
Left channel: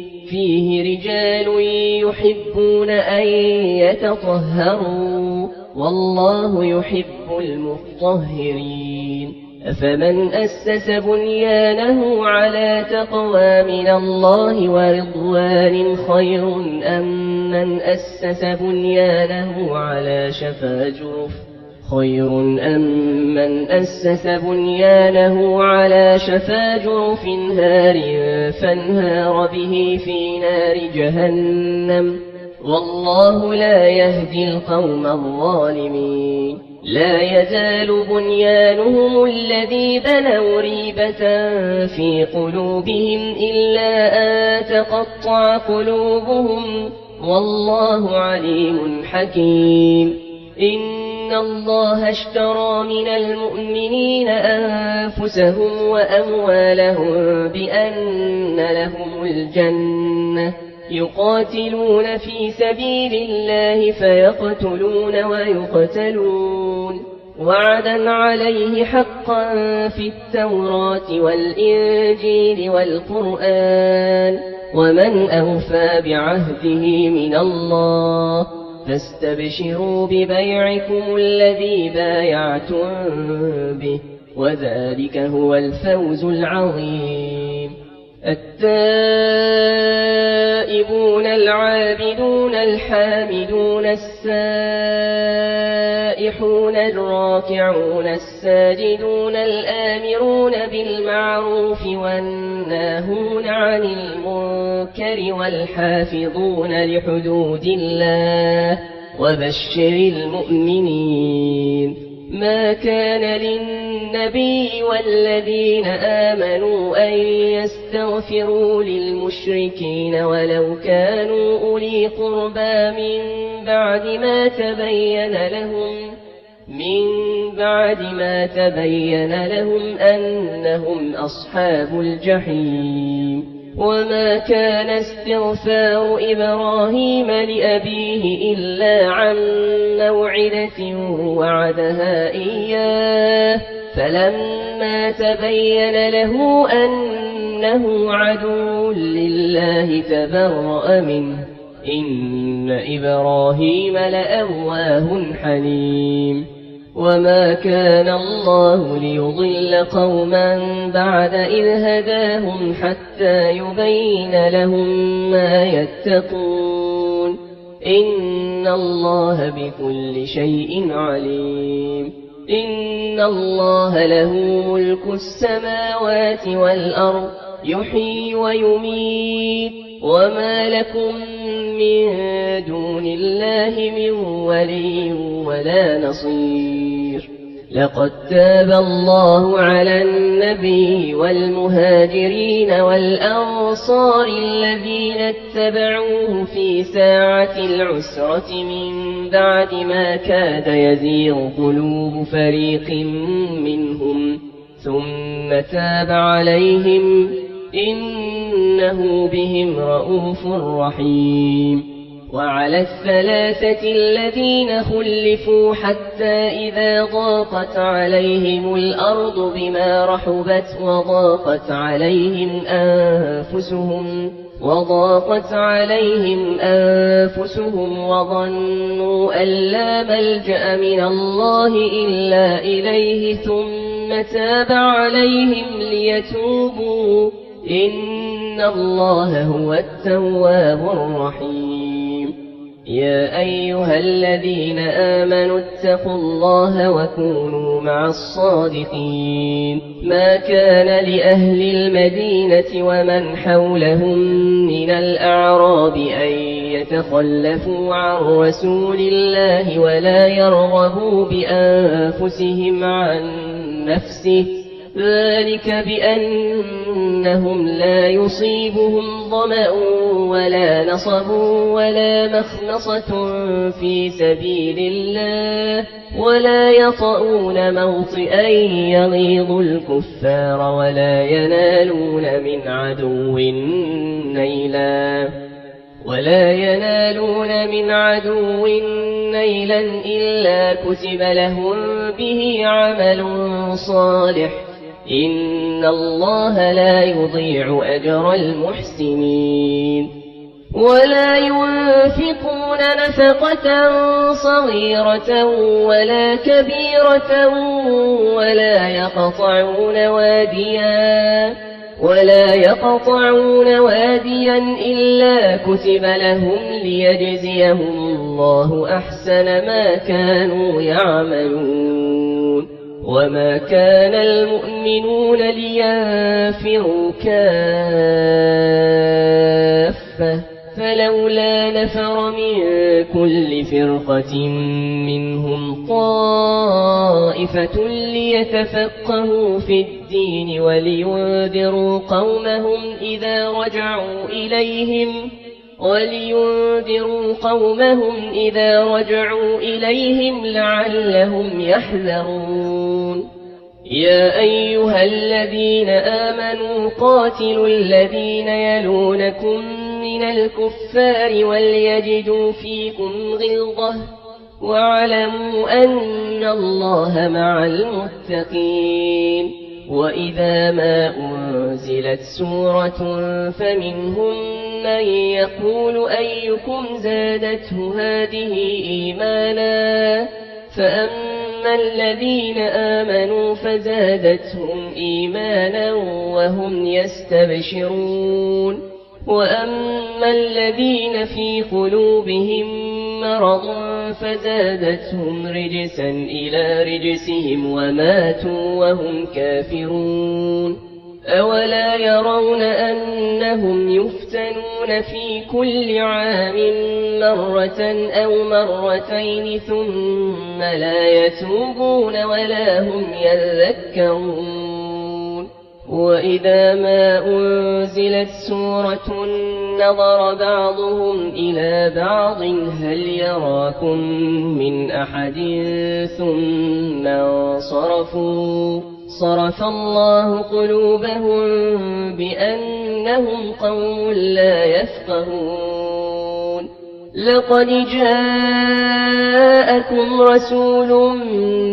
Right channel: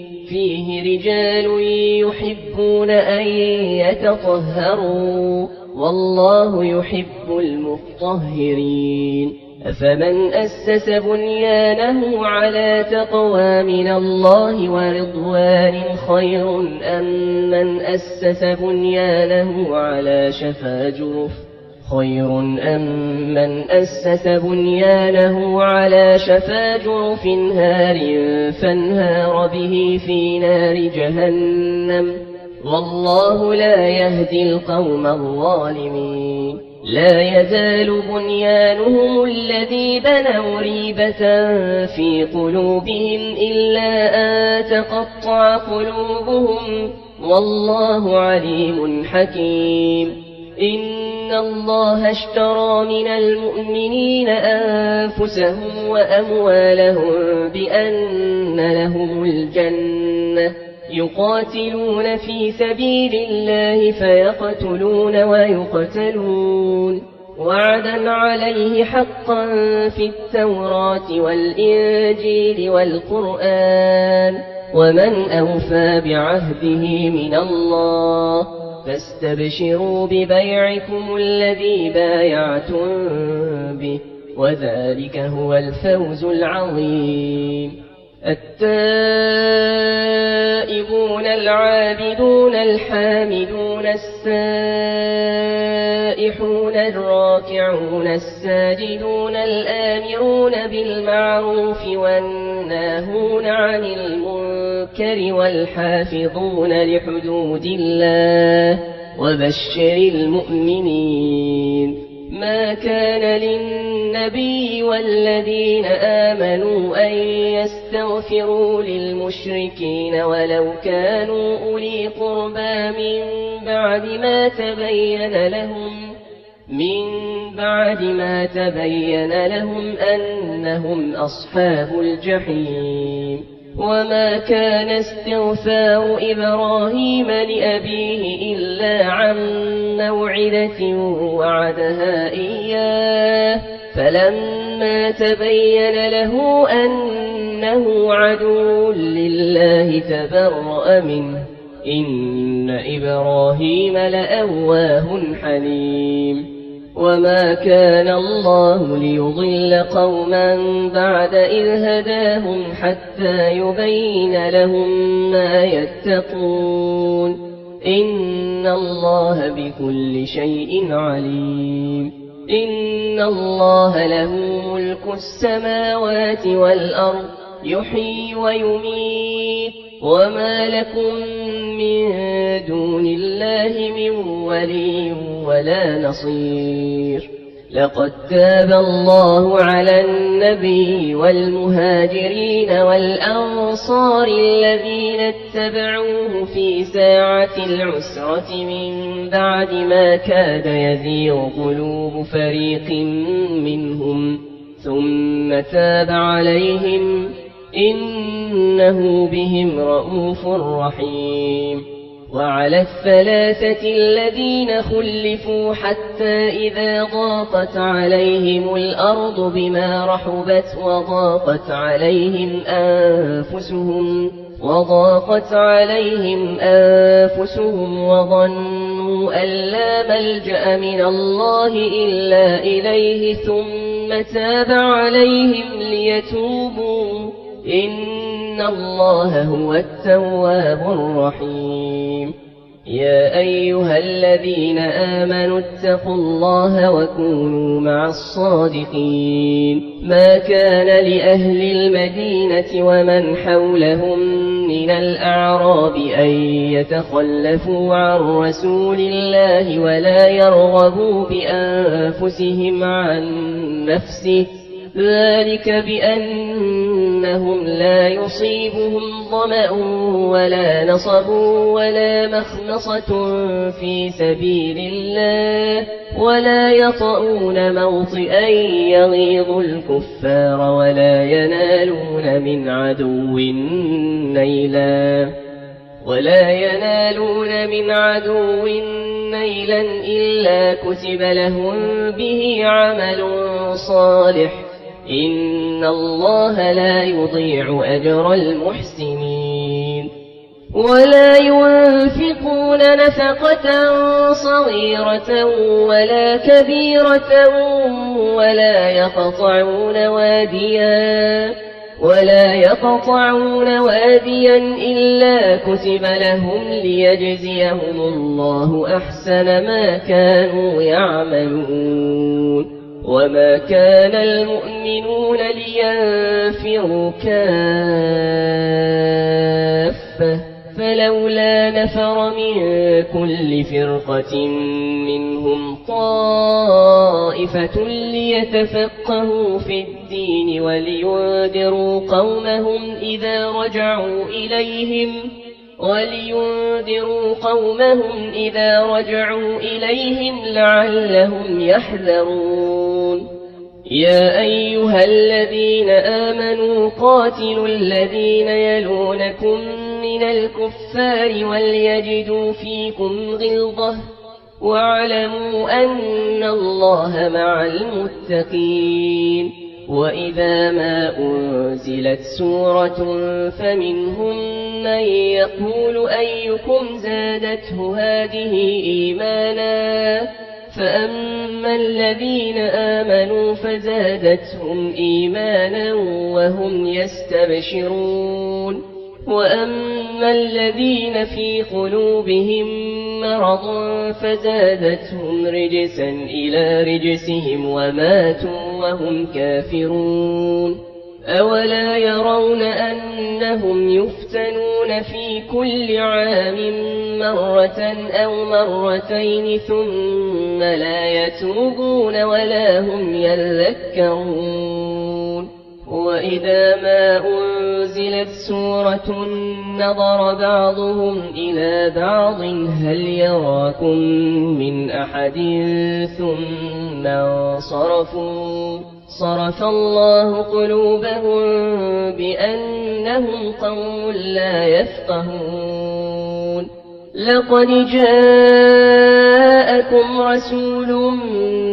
رجال يحبون أن يتطهروا والله يحب المطهرين أفمن أسس بنيانه على تقوى من الله ورضوان خير أم من أسس بنيانه على شفا جرف هار فانهار به في نار جهنم والله لا يهدي القوم الظالمين لا يزال بنيانهم الذي بنوا ريبة في قلوبهم إلا أن تقطع قلوبهم والله عليم حكيم إن الله اشترى من المؤمنين أنفسهم وأموالهم بأن لهم الجنة يقاتلون في سبيل الله فيقتلون ويقتلون وعدا عليه حقا في التوراة والإنجيل والقرآن ومن أوفى بعهده من الله فاستبشروا ببيعكم الذي بايعتم به وذلك هو الفوز العظيم التائبون العابدون الحامدون السائحون الراكعون الساجدون الآمرون بالمعروف والناهون عن المنكر والحافظون لحدود الله وبشر المؤمنين ما كان للنبي والذين آمنوا أن يستغفروا للمشركين ولو كانوا أولي قربى من بعد ما تبين لهم أنهم أصحاب الجحيم وما كان استغفار إبراهيم لأبيه إلا عن موعدة وعدها إياه فلما تبين له أنه عدو لله تبرأ منه إن إبراهيم لأواه حليم وما كان الله ليضل قوما بعد إذ هداهم حتى يبين لهم ما يتقون إن الله بكل شيء عليم إن الله له ملك السماوات والأرض يحيي ويميت وما لكم من دون الله من ولي ولا نصير لقد تاب الله على النبي والمهاجرين والأنصار الذين اتبعوه في ساعة العسرة من بعد ما كاد يزيغ قلوب فريق منهم ثم تاب عليهم إنه بهم رؤوف رحيم وعلى الثلاثة الذين خلفوا حتى إذا ضاقت عليهم الأرض بما رحبت وضاقت عليهم أنفسهم وظنوا أن لا ملجأ من الله إلا إليه ثم تاب عليهم ليتوبوا إن الله هو التواب الرحيم يا أيها الذين آمنوا اتقوا الله وكونوا مع الصادقين ما كان لأهل المدينة ومن حولهم من الأعراب أن يتخلفوا عن رسول الله ولا يرغبوا بأنفسهم عن نفسه ذلك بأنهم لا يصيبهم ظمأ ولا نصب ولا مخمصة في سبيل الله ولا يطؤون موطئا يغيظ الكفار ولا ينالون من عدو نيلا إلا كتب لهم به عمل صالح إن الله لا يضيع أجر المحسنين ولا ينفقون نفقة صغيرة ولا كبيرة ولا يقطعون واديا إلا كتب لهم ليجزيهم الله أحسن ما كانوا يعملون وما كان المؤمنون لينفروا كافة فلولا نفر من كل فرقة منهم طائفة ليتفقهوا في الدين ولينذروا قومهم إذا رجعوا إليهم لعلهم يحذرون يا أيها الذين آمنوا قاتلوا الذين يلونكم من الكفار وليجدوا فيكم غلظة واعلموا أن الله مع المتقين وإذا ما أنزلت سورة فمنهم من يقول أيكم زادته هذه إيمانا فأما الذين آمنوا فزادتهم إيمانا وهم يستبشرون وأما الذين في قلوبهم مرض فزادتهم رجسا إلى رجسهم وماتوا وهم كافرون أولا يرون أنهم يفتنون في كل عام مرة أو مرتين ثم لا يتوبون ولا هم يذكرون وإذا ما أنزلت سورة نظر بعضهم إلى بعض هل يراكم من أحد ثم انصرفوا صرف الله قلوبهم بأنهم قوم لا يفقهون لقد جاءكم رسول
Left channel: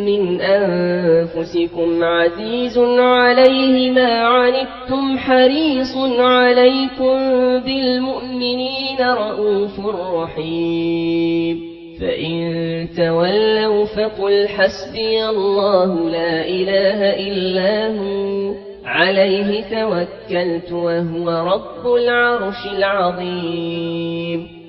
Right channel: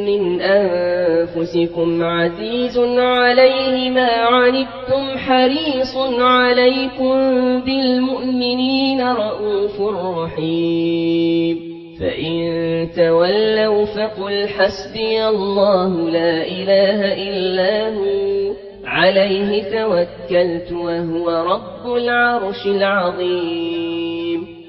من أنفسكم عزيز عليه ما عنتم حريص عليكم بالمؤمنين رؤوف رحيم فإن تولوا فقل حسبي الله لا إله إلا هو عليه توكلت وهو رب العرش العظيم